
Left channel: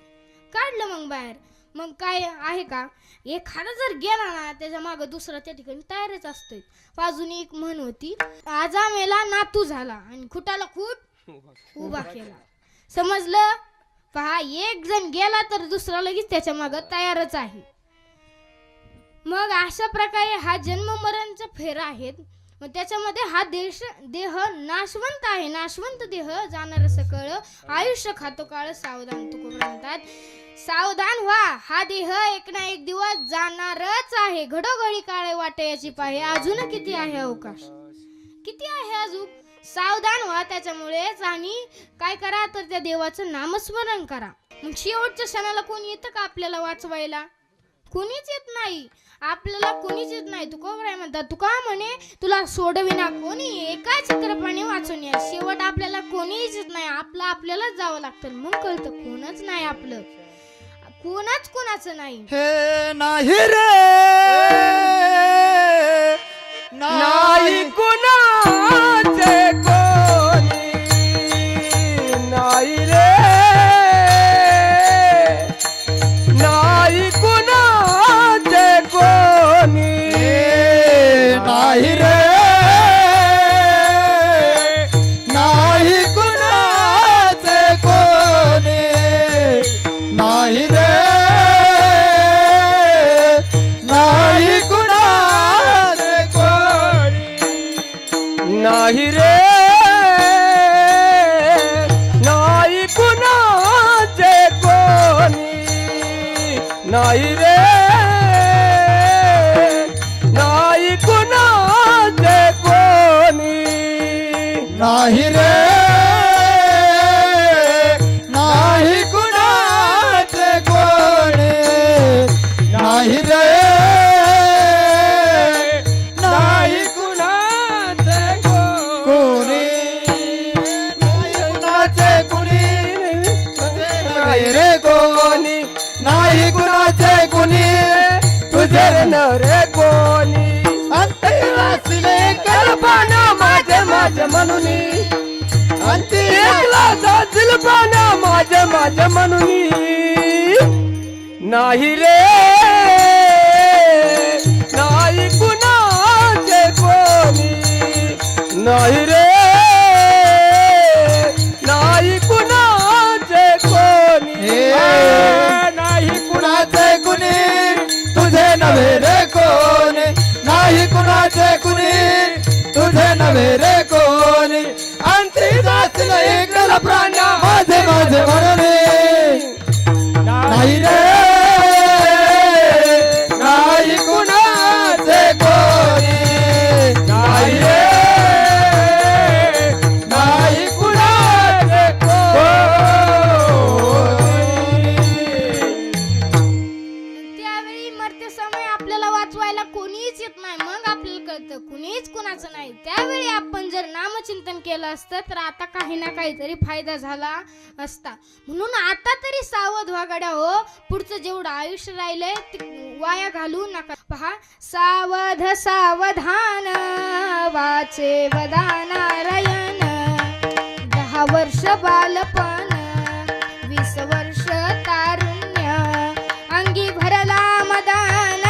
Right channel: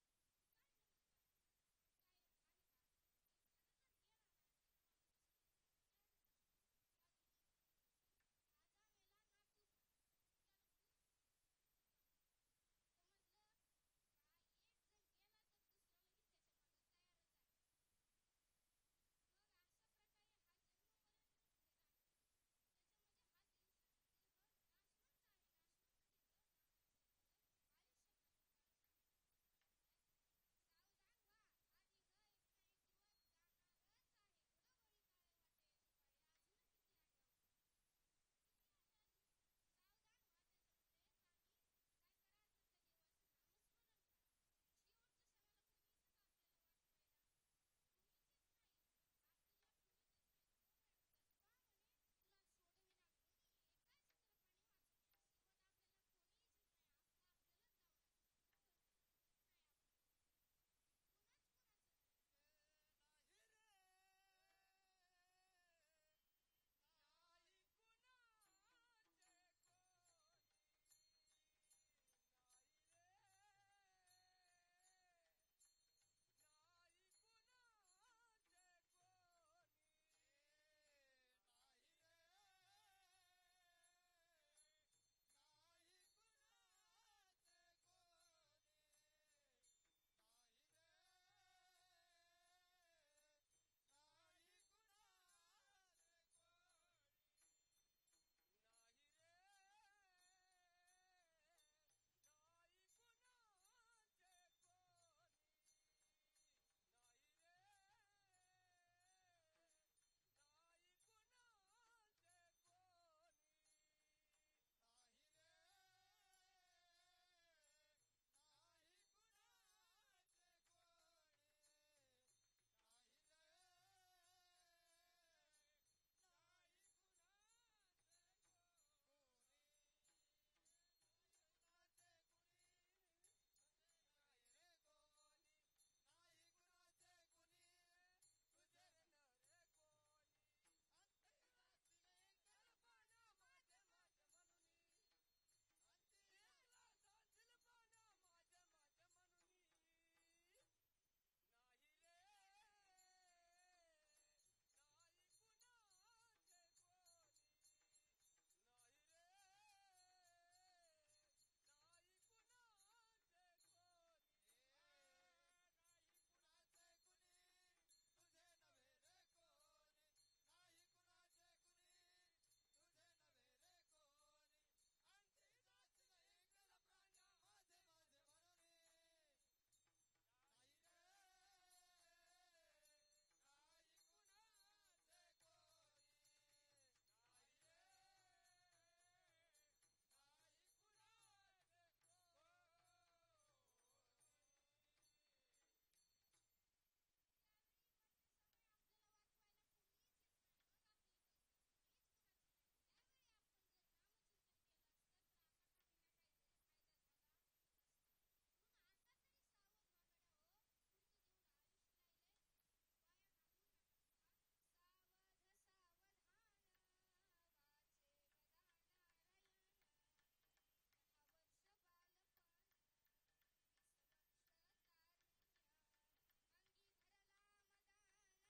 काढलं मग बाहेर. मग काय आहे का, एखादा जर गेला ना त्याच्या मागं दुसरा त्या ठिकाणी तयारच असतोय. बाजूनी एक म्हण होती, आजा मेला नातू झाला आणि खुटाला खूट उभा केला. समजलं. पहा, एक जण गेला तर दुसरा लगेच त्याच्या मागं तयारच आहे. मग अशा प्रकारे हा जन्म मरणचा फेरा आहेत. मग त्याच्यामध्ये हा देह नाशवंत आहे. नाशवंत देह जाणार सकळ, आयुष्य खातो काळ सावधान तुकोबरा म्हणतात. सावधान व्हा, हा देह एक ना एक दिवस जाणारच आहे. घडोघडी काळे वाटे याची पाहे, अजून किती आहे अवकाश, किती आहे अजून. सावधान व्हा त्याच्यामुळेच. आणि काय करा तर त्या देवाचं नामस्मरण करा. मग शेवटच्या क्षणाला कोणी येतं का आपल्याला वाचवायला? कोणीच येत नाही. आपल्याला कोणीच येत नाही. तुकोबराय म्हणतात, तुका म्हणे तुला सोडविना कोणी, एका चक्रपाणी वाचून या. शेवट आपल्याला कोणीच येत नाही. आपलं आपल्यालाच जावं लागतं. मग कळतं कोणच नाही आपलं, कोणाच कोणाचं नाही. हे नाही रे, नाही कुणाचे कोणी, नाही रे, नाही कुणाचे कोणी, नाही रे, नाही कुणाचे कोणी, नाही रे, नाही कुणाचे कोणी, नाही रे, नाही कुणाचे कोणी, नाही रे, नाही कुणाचे कोणी, नाही रे, नाही कुणाचे कोणी, रे कोणी अंती वाचले कल्पना माझे माझे म्हणून अंती एकला जातील पाना माझे माझे म्हणून नाही रे नाही कुणाचे कोणी नाही रे नाही कुणाचे कोणी नाही कुणाचे कुणी तुझे नव्हे रे कोणी नाही कुणाचे कुणी तुझे नव्हे रे कोणी अंती वाचले एकला प्राण्या माझे माझे म्हणून नाही रे नाही कुणाचे कोणी नाही रे नाही कुणाचे त्यावेळी मरते समय आपल्याला वाचवायला कोणीच येत नाही. मग आपल्याला कळतं कुणीच कुणाचं नाही. त्यावेळी आपण जर नामचिंतन केलं असतं तर आता काही ना काहीतरी फायदा झाला असता. म्हणून आता तरी सावध व्हा गड्या हो. पुढचं जेवढं आयुष्य राहिलंय ते वाया घालू नका. पहा, सावध सावधान वाचे वदानारायण. 10 वर्ष बालपण 20 वर्ष तारुण्य अंगी भरला मदान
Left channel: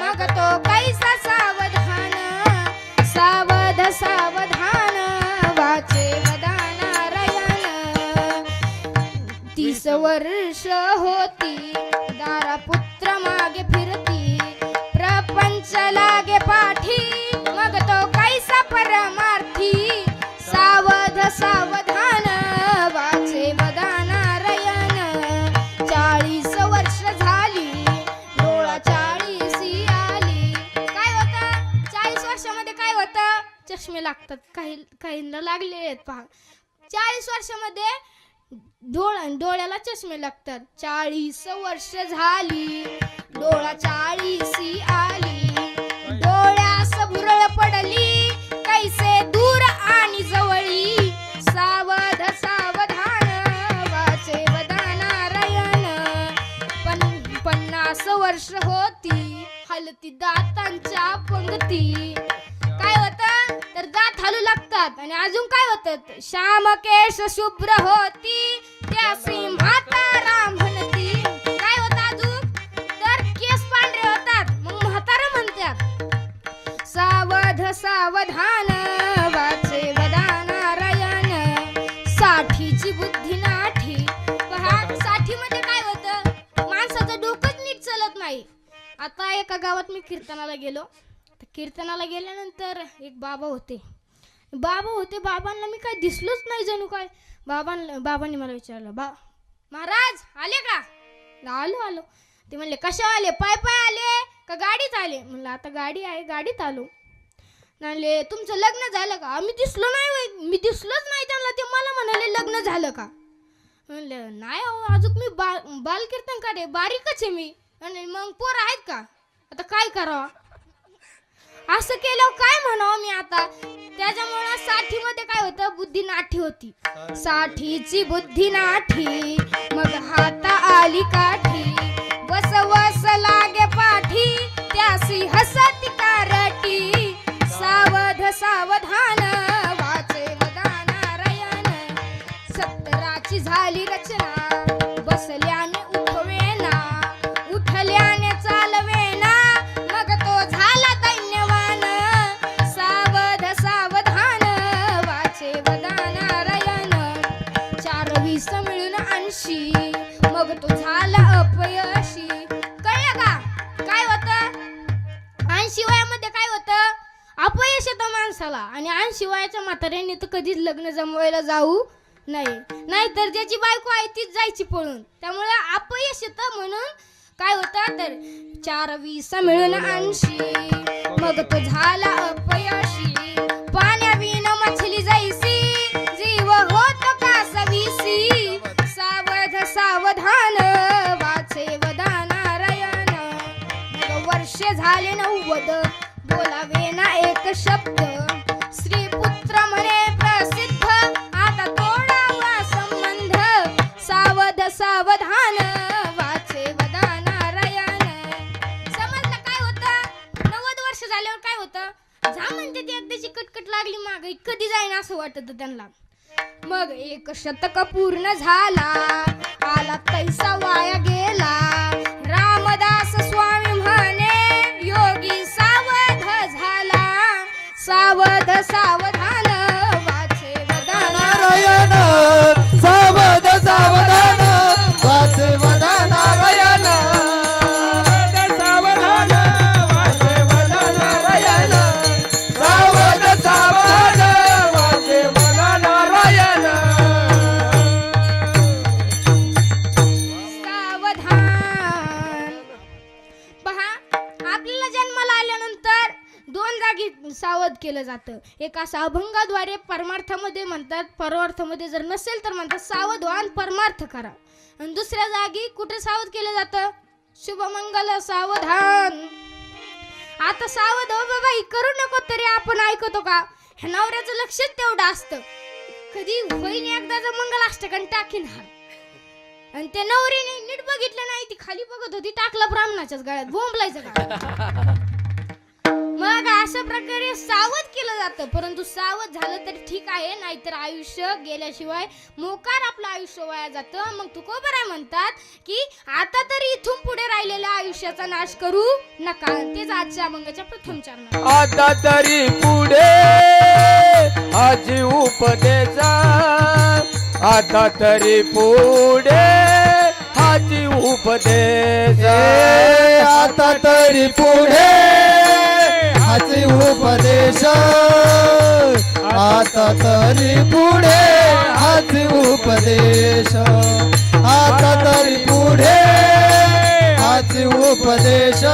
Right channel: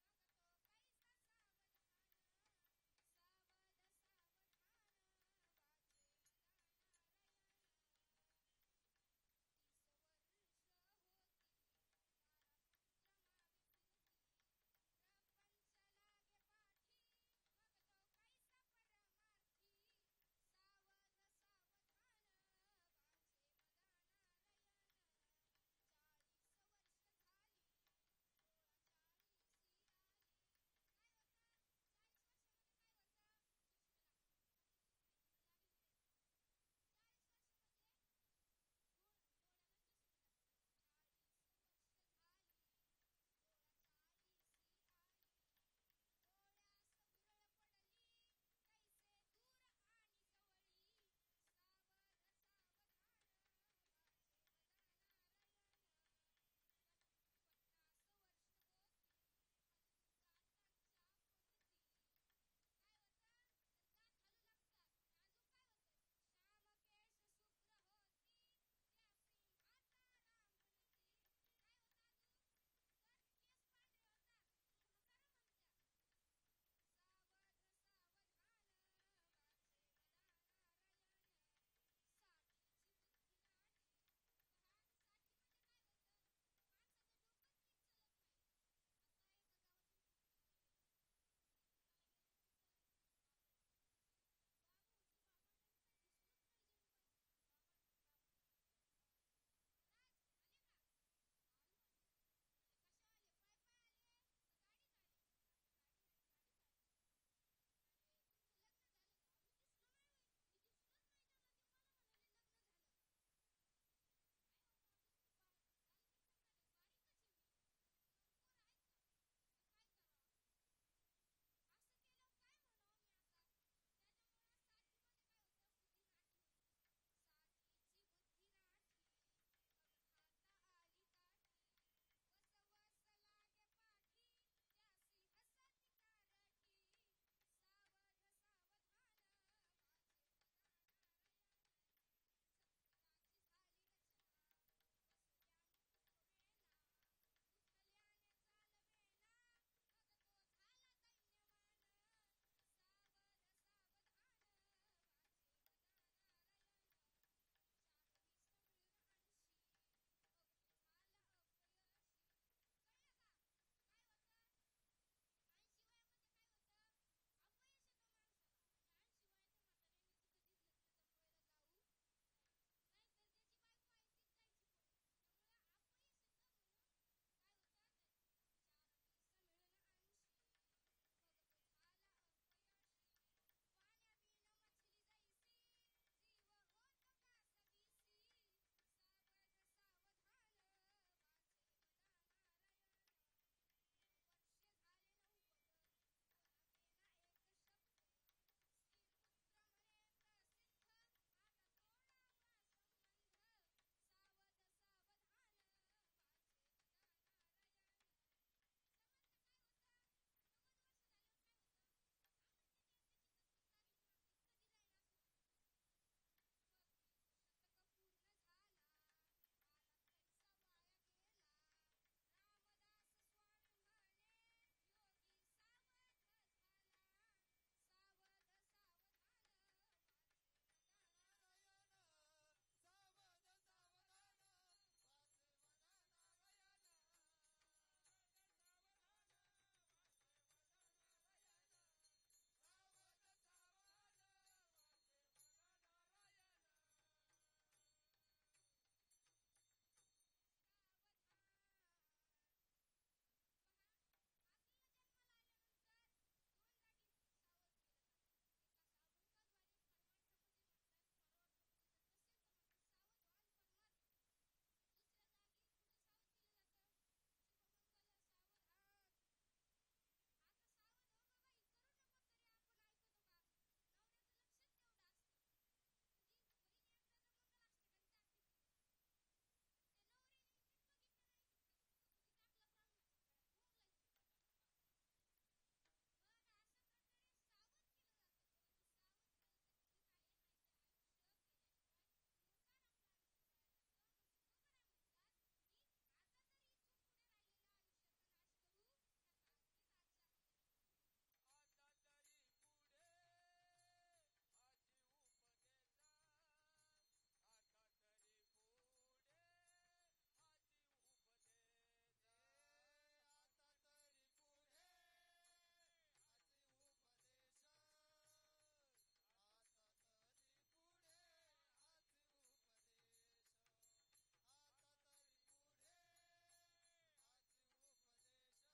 मग तो कैसा सावधान. सावध सावधान वाचे वदानारायण. 30 वर्ष होती दारा पुत्र मागे फिरती. प्रपंच लागे पाठी मग तो कैसा परमार्थी. सावध सावधान वाचे वदानारायण. 40 वर्ष झाली डोळा 40 आली. काय होतं 40 वर्षामध्ये? काय होतं? चष्मे लागतात. काहींना लागले आहेत. पहा, 40 वर्षामध्ये डोळ्याला चष्मे लागतात. 40 वर्ष झाली डोळा 40 आली. डोळ्यास भुरळ पडली कैसे दूर आणि जवळी. सावध सावधान वाचे वदानारायण. 50 वर्ष होती हलती दातांच्या पंगती. काय होतं तर दात हलू लागतात. आणि अजून काय होतं? श्याम केश शुभ्र होती त्यासी म्हातारा म्हणती. काय होतं अजून तर केस पांढरे होतात मग म्हातारा म्हणतात. सावध सावधान वाचे वदानारायण. 60ची बुद्धी नाठी. पहा, 60 मध्ये काय होतं? माणसाचं डोकंच नीट चालत नाही. आता एका गावात मी कीर्तनाला गेलो. कीर्तनाला गेल्यानंतर एक बाबा होते. बाबांना मी काय दिसलोच नाही जणू काय. बाबांनी मला विचारलं, महाराज आले का? आलो. ते म्हणले कशा आले? पाय आले का गाडीत आले? म्हणलं आता गाडी आहे, गाडीत आलो. म्हणले तुमचं लग्न झालं का? आम्ही दिसलो नाही. मी दिसलोच नाही त्यांना. ते मला म्हणाले लग्न झालं का? म्हणलं नाही अहो, अजून मी बाल कीर्तन काढे, बारीकच आहे मी. आणि मग पोरं आहेत का? आता काय करावं? असं केलं काय म्हणावं मी आता. त्याच्यामुळे 60 मध्ये काय होतं? बुद्धी नाठी होती. 60ची बुद्धी नाठी मग हाता आली काठी. वस लागे पाठी त्यासी हसती कारटी. सावध सावधान वाचे वदानारायण. 70ची झाली रचना बसल्याने उठवेना. उठल्याने चालवेना मग तो झाला दैन्यवान. सावध सावधान वाचे वदानारायण. 4-20 मिळून 80 मग तो झाला अपयशी. कळलं का काय होतं? 80 वयामध्ये काय होतं? अपयश येतं माणसाला. आणि 80 वयाच्या म्हाताऱ्याने तर कधीच लग्न जमवायला जाऊ नाहीतर ज्याची बायको आहे तीच जायची पळून. त्यामुळे अपयश येतं. म्हणून काय होतं तर 4-20 मिळून 80 मग तो झाला अपयशी. पाण्याविन मछली जायसी जीव होत का सविसी. सावध सावधान वाचे वदानारायण. मग वर्ष झाले 90 बोलावे ना एक शब्द. श्री पुत्र म्हणे प्रसिद्ध आता तोडावा संबंध. सावध सावधान वाचे वदानारायण. समजलं काय होतं? कधी जाईन असं वाटत त्यांना. मग 1 शतक पूर्ण झाला, आला तैसा वाया गेला. रामदास स्वामी म्हणे योगी सावध झाला. सावध सावधान वाचे वदन. नारायण सावध सावधान वाचे वदन. नारायण सावधान वाचे वदन नारायण. सावध सावधान वाचे वदन नारायण. सावधान. पहा, आपल्याला जन्माला आल्यानंतर 2 जागी सावध केलं जातं. एक असं अभंगाद्वारे परमार्थामध्ये म्हणतात, परमार्थामध्ये जर नसेल तर म्हणतात सावधान परमार्थ करा. आणि दुसऱ्या जागी कुठे सावध केलं जातं? शुभमंगल सावधान. आता सावध हो बाबा, ही करू नको तरी आपण ऐकतो का? ह्या नवऱ्याचं लक्षच तेवढं असतं. कधी होईन एकदाचं मंगलाष्टकन टाकीन हा. आणि त्या नवरीने नीट बघितलं नाही, ती खाली बघत होती, टाकला ब्राह्मणाच्याच गळ्यात. बोंबलायचं का? मग अशा प्रकारे सावध केलं जातं. परंतु सावध झालं तर ठीक आहे, नाहीतर आयुष्य गेल्याशिवाय मोकार आपलं आयुष्य वाया जातं. मग तुकोबराय म्हणतात की आता तरी इथून पुढे राहिलेल्या आयुष्याचा नाश करू नका. तेच आजच्या अभंगाच्या प्रथम चरणात. आता तरी पुढे आजी उपदेजा. आता तरी पुढे आजी उपदेजा. आता तरी पुढे हाची उपदेश. आता तरी पुढे हाची उपदेश. आता तरी पुढे हाची उपदेश.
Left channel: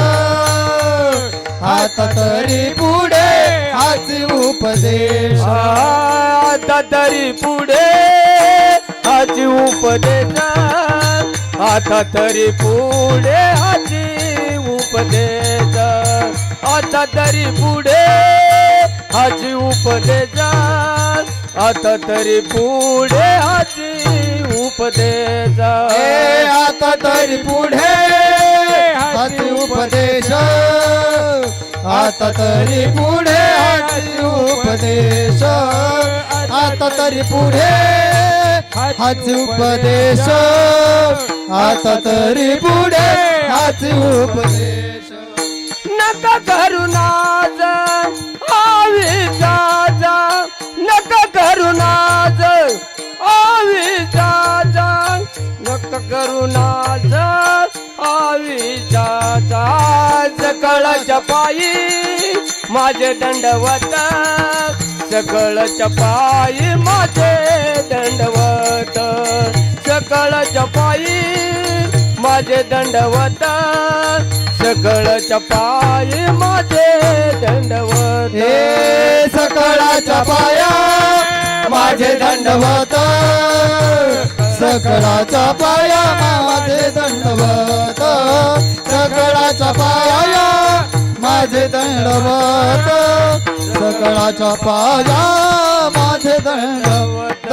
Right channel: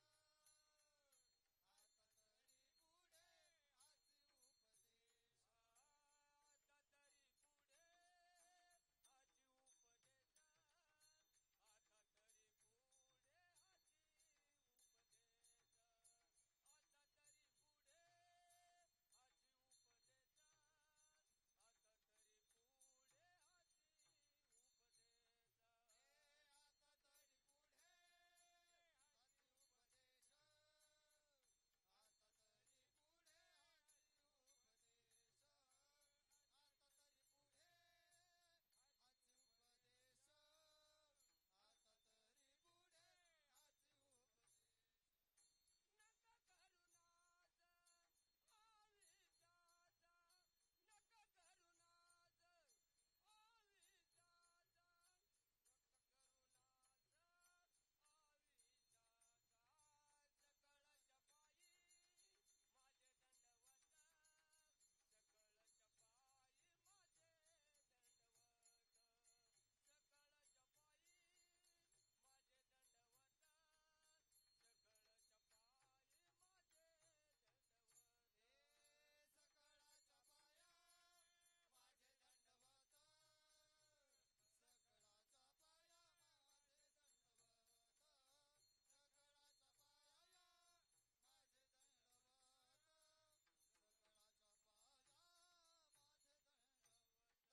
आता तरी पुढे हाची उपदेश. आता तरी पुढे आजी उपदेजा. आता तरी पुढे आजी उपदेजा. आता तरी पुढे आजी उपदेजा. आता तरी पुढे आजी उपदेजा. आता तरी पुढे हाची उपदेश. आता तरी पुढे हाची उपदेश. आता तरी पुढे हाची उपदेश. आता तरी पुढे हाची उपदेश. नका करू नाज आवीचा जा. नका करू नाज आवीचा जा. नका करू नाज आवीचा जा. सकळच्या पायी माझे दंडवत. सकळच्या पायी माझे दंडवत. सकळच्या पायी माझे दंडवत. सकळच्या पायी माझे दंडवत. हे सकळाच्या पाया माझे दंडवत. सकळाच्या पाया माझे दंडवत. सकळाच्या पाया माझे दंडवत. सकळाच्या पाया माझे दंडवत.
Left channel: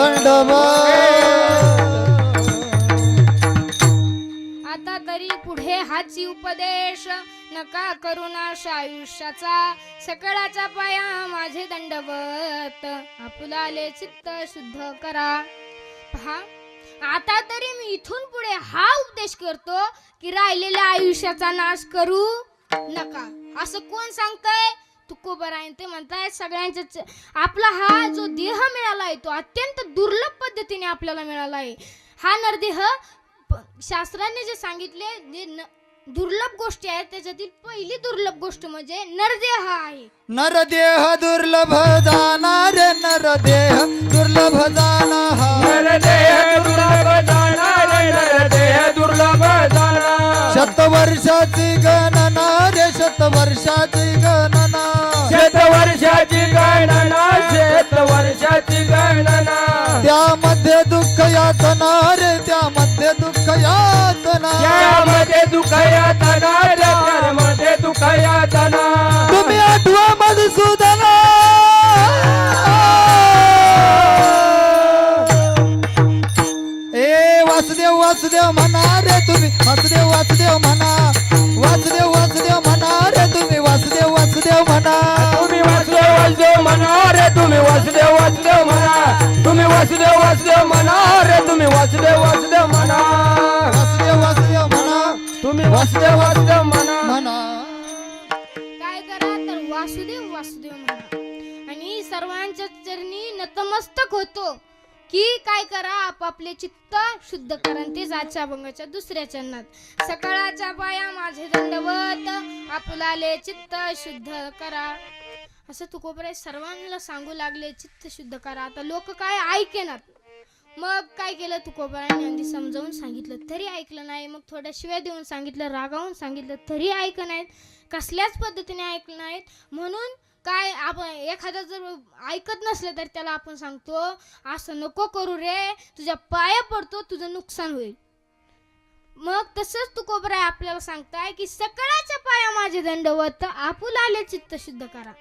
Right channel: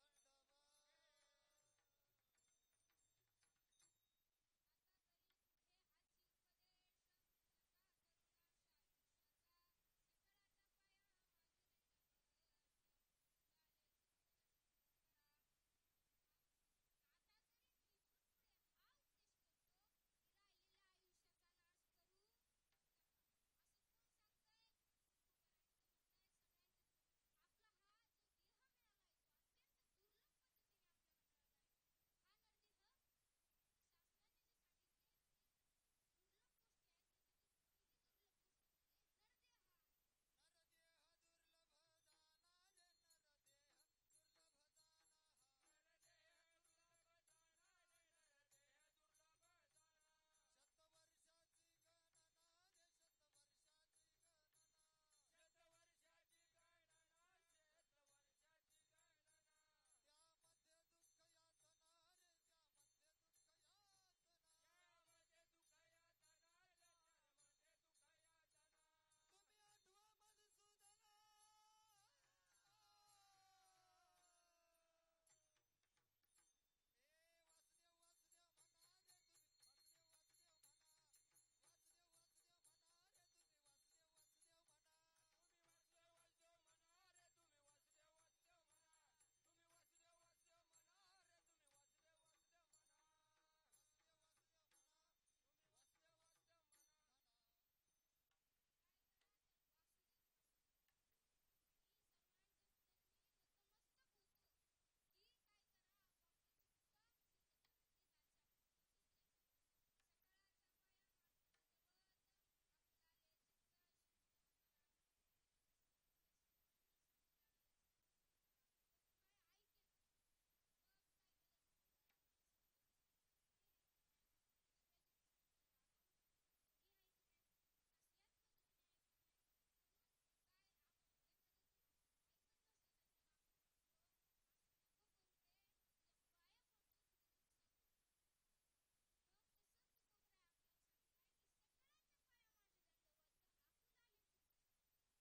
आता तरी पुढे हाची उपदेश. नका करू नाश आयुष्याचा. सकळाच्या पाया माझे दंडवत. आपुलाले चित्त शुद्ध करा. पहा, आता तरी मी इथून पुढे हा उपदेश करतो की राहिलेल्या आयुष्याचा नाश करू नका. असं कोण सांगतंय? तुकोबराय ते म्हणताय सगळ्यांच्या. आपला हा जो देह मिळाला आहे तो अत्यंत दुर्लभ पद्धतीने आपल्याला मिळाला आहे. हा नरदेह शास्त्राने जे सांगितले जे दुर्लभ गोष्टी आहेत त्याच्यातील पहिली दुर्लभ गोष्ट म्हणजे नरदेह आहे. नरदेह दुर्लभ जाणार. नरदेह दुर्लभ जाणार. नरदेह दुर्लभ जाणार. नरदेह दुर्लभ जाणार. शतवर्षाची गणना रे. शतवर्षाची गणना. शतवर्षाची गणना. शतवर्षाची गणना. त्यामध्ये दुःख यातना रे. त्यामध्ये दुःख यातना. त्यामध्ये दुःख यातना. त्यामध्ये दुःख यातना. तुम्ही आठवा मधुसूदना. ए वासुदेव वासुदेव म्हणा रे तुम्ही. वासुदेव वासुदेव म्हणा. वासुदेव वासुदेव म्हणा रे तुम्ही. वासुदेव वासुदेव म्हणा. तुम्ही वासुदेव वासुदेव म्हणा रे तुम्ही वासुदेव वासुदेव म्हणा, तुम्ही वासुदेव वासुदेव म्हणा रे, तुम्ही वासुदेव वासुदेव म्हणा, वासुदेव वासुदेव म्हणा, तुम्ही वासुदेव वासुदेव म्हणा. म्हणा. काय करा तर वासुदेव वासुदेव म्हणा आणि सर्वांच्या चरणी नतमस्तक होतो की काय करा आपापले चित्त शुद्ध करा. आणि तेच आजच्या अभंगाच्या दुसऱ्या चरणात सकाळच्या पाया माझे दंडवत आपुलाले चित्त शुद्ध करा असं तुकोबराय सर्वांना सांगू लागले चित्त शुद्ध करा. आता लोक काय ऐकेनात. मग काय केलं तुकोबरायांनी आधी समजावून सांगितलं तरी ऐकलं नाही, मग थोड्या शिव्या देऊन सांगितलं, रागावून सांगितलं तरी ऐक नाहीत, कसल्याच पद्धतीने ऐकलं नाहीत. म्हणून काय आपण एखादा जर ऐकत नसलं तर त्याला आपण सांगतो असं नको करू रे, तुझ्या पाया पडतो, तुझं नुकसान होईल. मग तसंच तुकोबराय आपल्याला सांगताय की सकाळच्या पाया माझे दंडवत आपुलाले चित्त शुद्ध करा.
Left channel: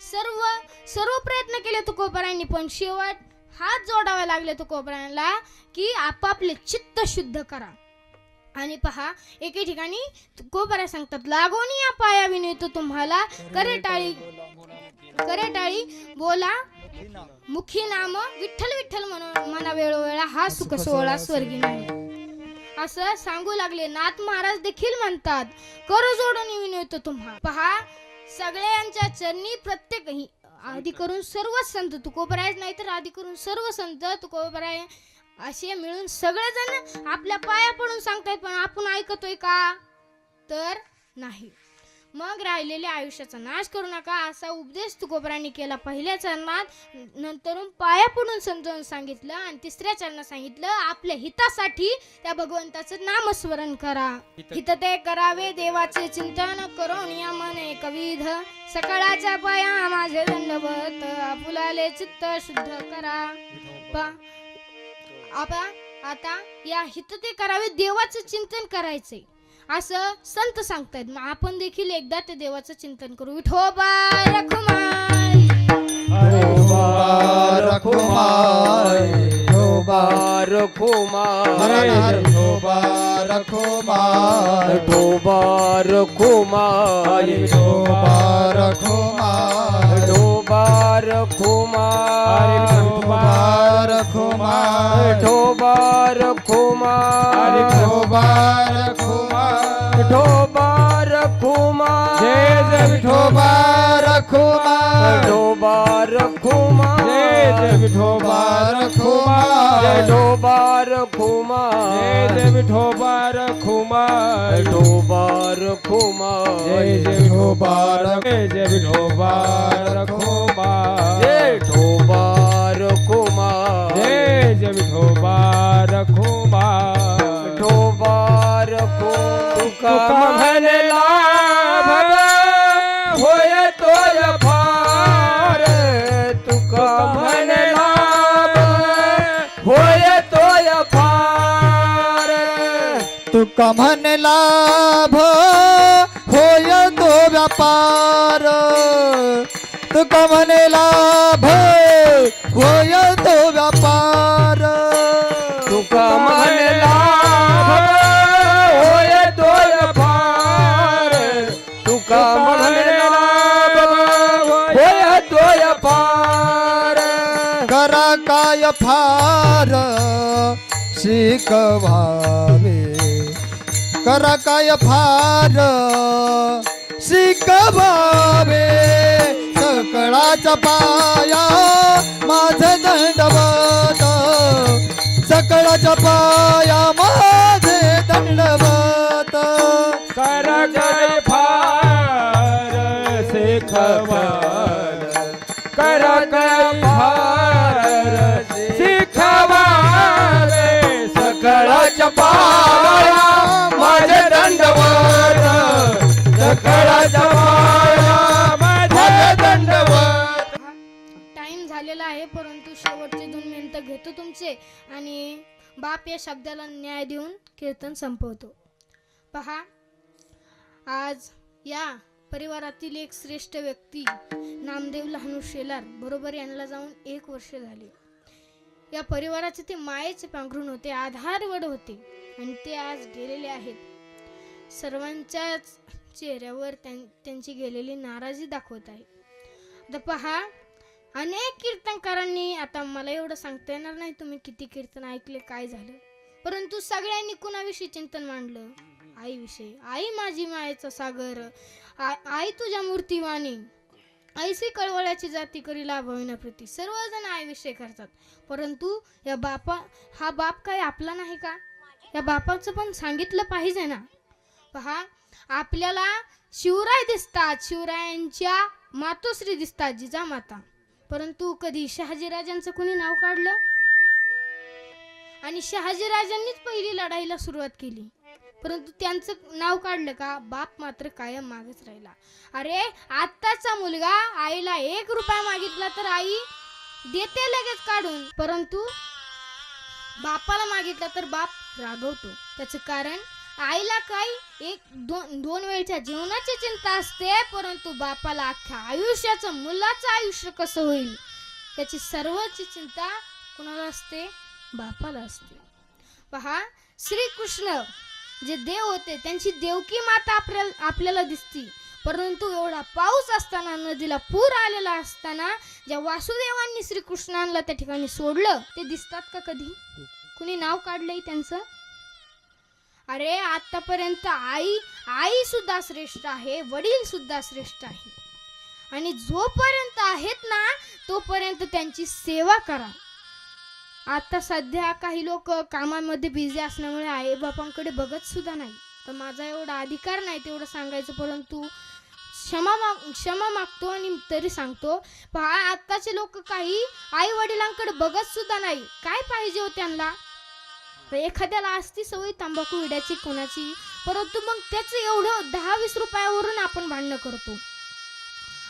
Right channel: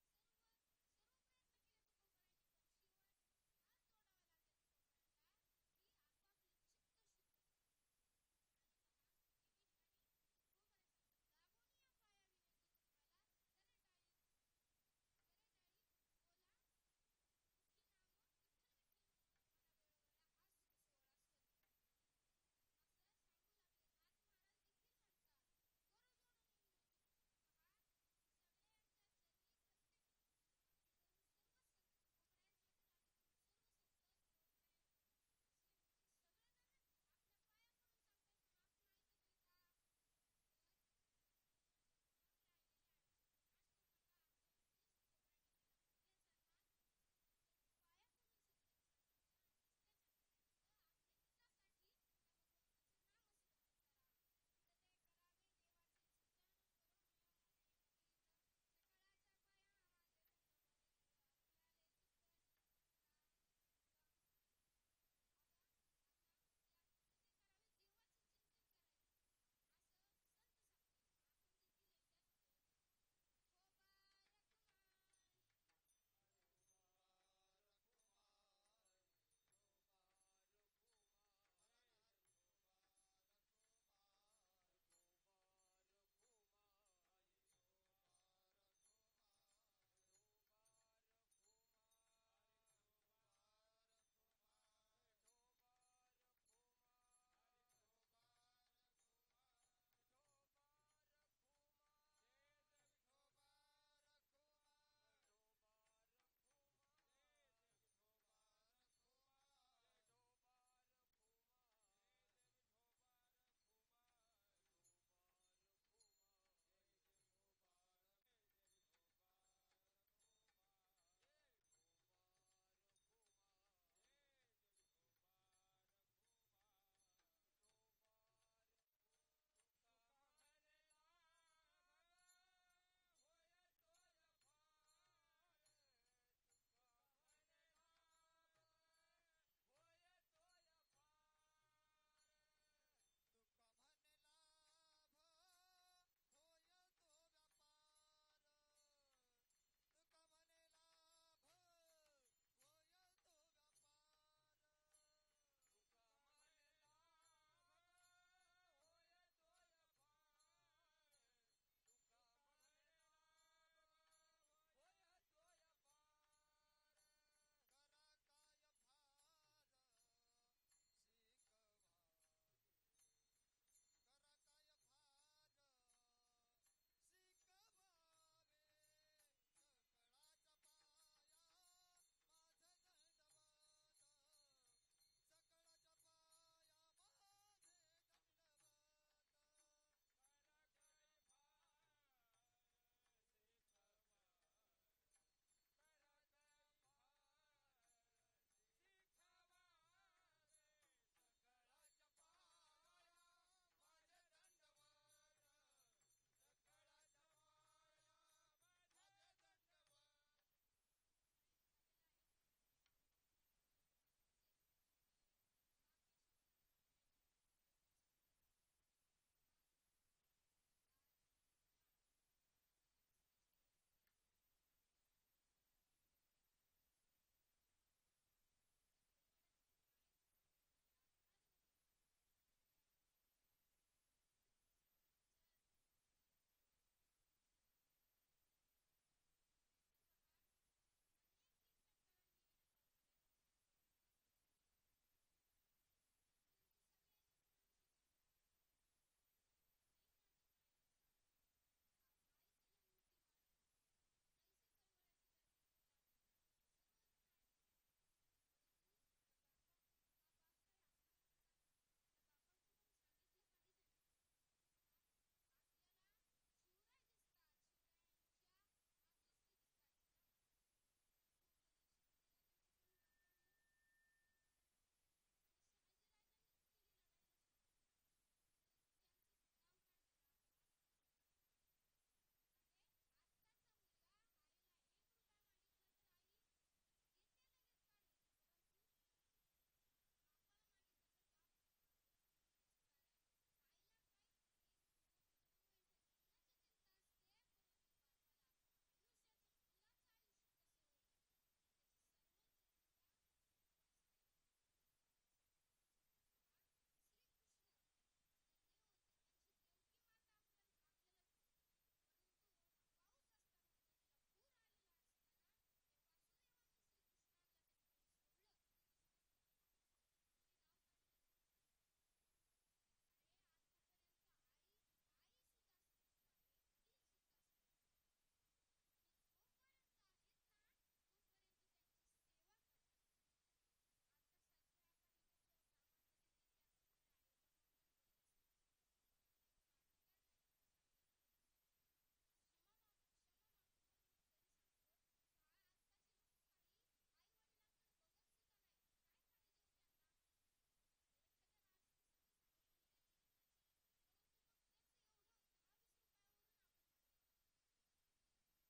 सर्व प्रयत्न केले तुकोबरायांनी पण शेवट हात जोडावे लागले तुकोबरायांना की आपापले चित्त शुद्ध करा. आणि पहा एके ठिकाणी तुकोबराय सांगतात लागोनी या पाया विनवतो तुम्हाला करे टाळी बोला मुखी नाम विठ्ठल विठ्ठल म्हणा वेळोवेळा हा सुख सोहळा स्वर्गी नाही असं सांगू लागले. नाथ महाराज देखील म्हणतात कर जोडून विनवतो तुम्हा. पहा सगळ्यांच्या चरणी प्रत्येक आधी करून सर्व संत तुकोबराय नाही तर आधी करून सर्व संत तुकोबराय असे मिळून सगळेजण आपल्या पाया पडून सांगतायत पण आपण ऐकतोय का तर नाही. मग राहिलेल्या आयुष्याचा नाश करू नका असा उपदेश तुकोबरायांनी केला पहिल्या चरणात. नंतरून पाया पडून समजावून सांगितलं आणि तिसऱ्या चरणात सांगितलं आपल्या हितासाठी त्या भगवंताचं नामस्मरण करा. हित ते करावे देवाचे चिंतन करून या मने कविध सकाळच्या पाया माझे दंडवत आपुलाले चित्त शुद्ध करा. आता या हित ते करावे देवाचं चिंतन करायचंय असं संत सांगतायत. मग आपण देखील एकदा ते देवाचं चिंतन करू. विठोबा रखुमाई, विठोबा रखुमाई, विठोबा रखुमाई, विठोबा रखुमाई, विठोबा रखुमाई, विठोबा रखुमाई, विठोबा रखुमाई, विठोबा रखुमाई, विठोबा रखुमाई, विठोबा रखुमाई, विठोबा रखुमाई, जय जय विठोबा रखुमाई, विठोबा रखुमाई, जय जय विठोबा रखुमाई, विठोबा रखुमाई, जय जय विठोबा रखुमाई, विठोबा रखुमाई, जय जय विठोबा जय जय विठोबा रखुमाई, जय विठोबा रखुमाई, जय जय विठोबा रखुमाई, विठोबा रखुमाई. तुका म्हणला भला होय तोय फार, तुका म्हणला होय तोय फार, तुका म्हणे लाभ होय तो व्यापार, तुका म्हणे लाभ होय तो व्यापार, तुका म्हणला होय तोय फार, तुका म्हणला होय तोय फार, करा काय फार शिकवावे, करा काय फार शिकवावे, सकळाचा पाया माझे दंडवत, सकळाच्या पाया माझे दंडवत, कर काय फार शिखवार, कर काय फार शिखवार, सकळाच्या पाया माझे दंडवत, सकळाच्या पाया माझे दंडवत. टाइम झालेला आहे परंतु शेवटचे 2 मिनिटं घेतो तुमचे आणि बाप या शब्दाला न्याय देऊन कीर्तन संपवतो. पहा आज या परिवारातील एक श्रेष्ठ व्यक्ती नामदेव लहानू शेलार बरोबर यांना जाऊन 1 वर्ष झाले. या परिवाराचे ते मायेचे पांघरून होते, आधारवड होते आणि ते आज गेलेले आहेत. सर्वांच्याच चेहऱ्यावर त्यांची गेलेली नाराजी दाखवत आहे. आता पहा अनेक कीर्तनकारांनी, आता मला एवढं सांगता येणार नाही तुम्ही किती कीर्तन ऐकले काय झालं, परंतु सगळ्यांनी कुणाविषयी चिंतन मांडलं? आईविषयी. आई माझी मायेचा सागर, आई तुझ्या मूर्तिवाणी, ऐसी कळवळ्याची जाती करी लाभविना प्रीती. सर्वजण आईविषयी करतात, परंतु हा बाप काय आपला नाही का? या बापाचं पण सांगितलं पाहिजे ना. पहा, आपल्याला शिवराय दिसतात, शिवरायांच्या मातोश्री दिसतात, जिजामाता, परंतु कधी शहाजीराजांचं कुणी नाव काढलं? आणि शहाजीराजांनीच पहिली लढाईला सुरुवात केली, परंतु त्यांचं नाव काढलं का? बाप मात्र कायम मागच राहिला. अरे आत्ताचा मुलगा आईला 1 रुपया मागितला तर आई देते लगेच काढून, परंतु बापाला मागितला तर बाप रागवतो. त्याचं कारण आईला काय दोन वेळच्या जेवणाची चिंता असते, परंतु बापाला अख्ख्या आयुष्याचं, मुलाचं आयुष्य कसं होईल त्याची सर्वची चिंता कुणाला असते? बापाला असते. पहा, श्रीकृष्ण जे देव होते त्यांची देवकी माता आपल्याला दिसती, परंतु एवढा पाऊस असताना, नदीला पूर आलेला असताना ज्या वासुदेवांनी श्रीकृष्णांना त्या ठिकाणी सोडलं ते दिसतात का कधी? कुणी नाव काढलंय त्यांचं? अरे आतापर्यंत आई सुद्धा श्रेष्ठ आहे, वडील सुद्धा श्रेष्ठ आहे, आणि जोपर्यंत आहेत ना तोपर्यंत त्यांची सेवा करा. आता सध्या काही लोक कामामध्ये बिझी असल्यामुळे आई बापांकडे बघत सुद्धा नाही. तर माझा एवढा अधिकार नाही तेवढं सांगायचं, परंतु क्षमा मागतो आणि तरी सांगतो. पहा, आताचे लोक काही आई वडिलांकडे बघत सुद्धा नाही. काय पाहिजे हो त्यांना? एखाद्याला असती सवय तंबाखू विड्याची कोणाची, परंतु मग त्याचं एवढं 10-20 रुपयावरून आपण भांडणं करतो,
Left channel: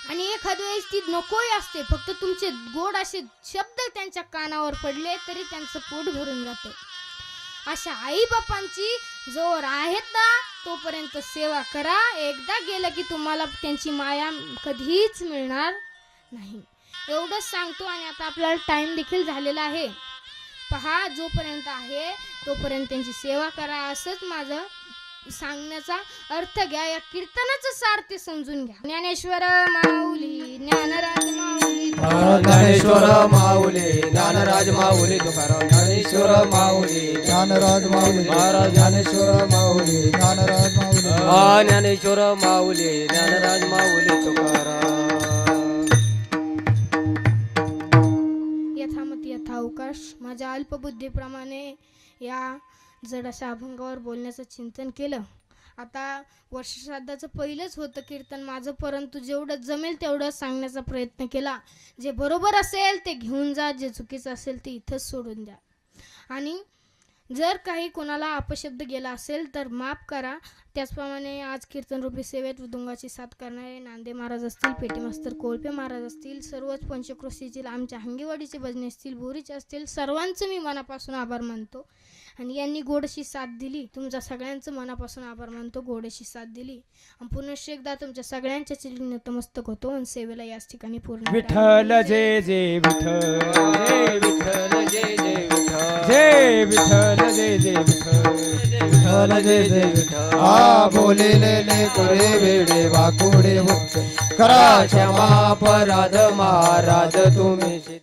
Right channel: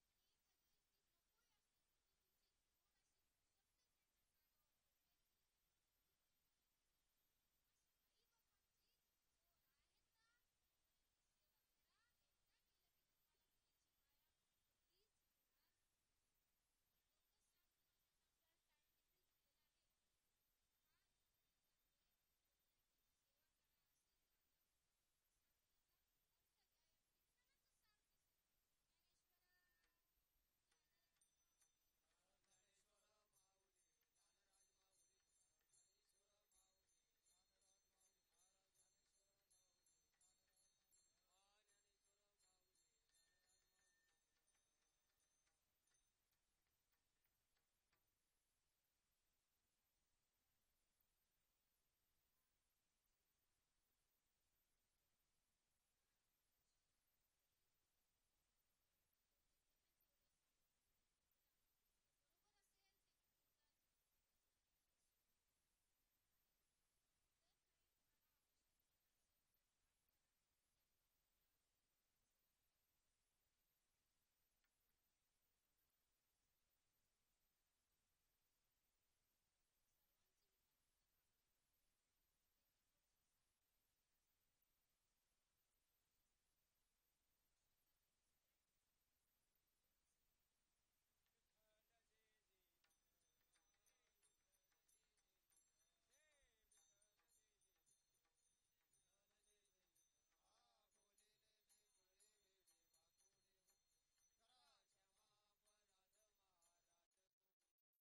आणि एखाद्या वेळेस ती नकोही असते. फक्त तुमचे गोड असे शब्द त्यांच्या कानावर पडले तरी त्यांचं पोट भरून जातं. अशा आई बापांची जोर आहेत ना तोपर्यंत सेवा करा. एकदा गेलं की तुम्हाला त्यांची माया कधीच मिळणार नाही. एवढंच सांगतो, आणि आता आपल्याला टाइम देखील झालेला आहे. पहा, जोपर्यंत आहे तोपर्यंत त्यांची सेवा करा, असंच माझं सांगण्याचा अर्थ घ्या. या कीर्तनाचं सार ते समजून घ्या. ज्ञानेश्वर माऊली, ज्ञानराज माऊली, ज्ञानेश्वर माऊली, ज्ञानराज माऊली तुकाराम. ज्ञानेश्वर माऊली, ज्ञानराज माऊली महाराज ज्ञानेश्वर माऊली, ज्ञानराज माऊली. ज्ञानेश्वर माऊली, ज्ञानराज माऊली तुकाराम. यथामती यथावकाश. माझ्या अल्पबुद्धीप्रमाणे या जड अशा अभंगावर बोलण्याचं चिंतन केलं. आता वर्षश्राद्धाचं पहिलंच होतं कीर्तन माझं, परंतु जेवढं जमेल तेवढं सांगण्याचा प्रयत्न केला. जे बरोबर असेल ते घेऊन जा, जे चुकीचं असेल ते इथंच सोडून द्या. आणि जर काही कोणाला अपशब्द गेला असेल तर माफ करा. त्याचप्रमाणे आज कीर्तनरूपी सेवेत मृदुंगाची साथ करणारे नांदे महाराज असतील, पेटी मास्तर कोळपे महाराज असतील, सर्वच पंचक्रोशीतील आमच्या हंगेवाडीचे भजने असतील, बोरीचे असतील, सर्वांचं मी मनापासून आभार मानतो. आणि यांनी गोडशी साथ दिली. तुमच्या सगळ्यांचं मनापासून आभार मानतो, गोडशी साथ दिली. आणि पुनश्च एकदा तुमच्या सगळ्यांच्या चरणी नतमस्तक होतो आणि सेवेला याच ठिकाणी पूर्ण. विठ्ठल जय जय विठ्ठल, जय विठ्ठल जय जय विठ्ठल, जय विठ्ठल जय जय विठ्ठल, विठ्ठल जय जय विठ्ठल. आ बोलिलेले करे वेडे वाकुडे होते, करा क्षमा अपराध महाराज तुम्ही.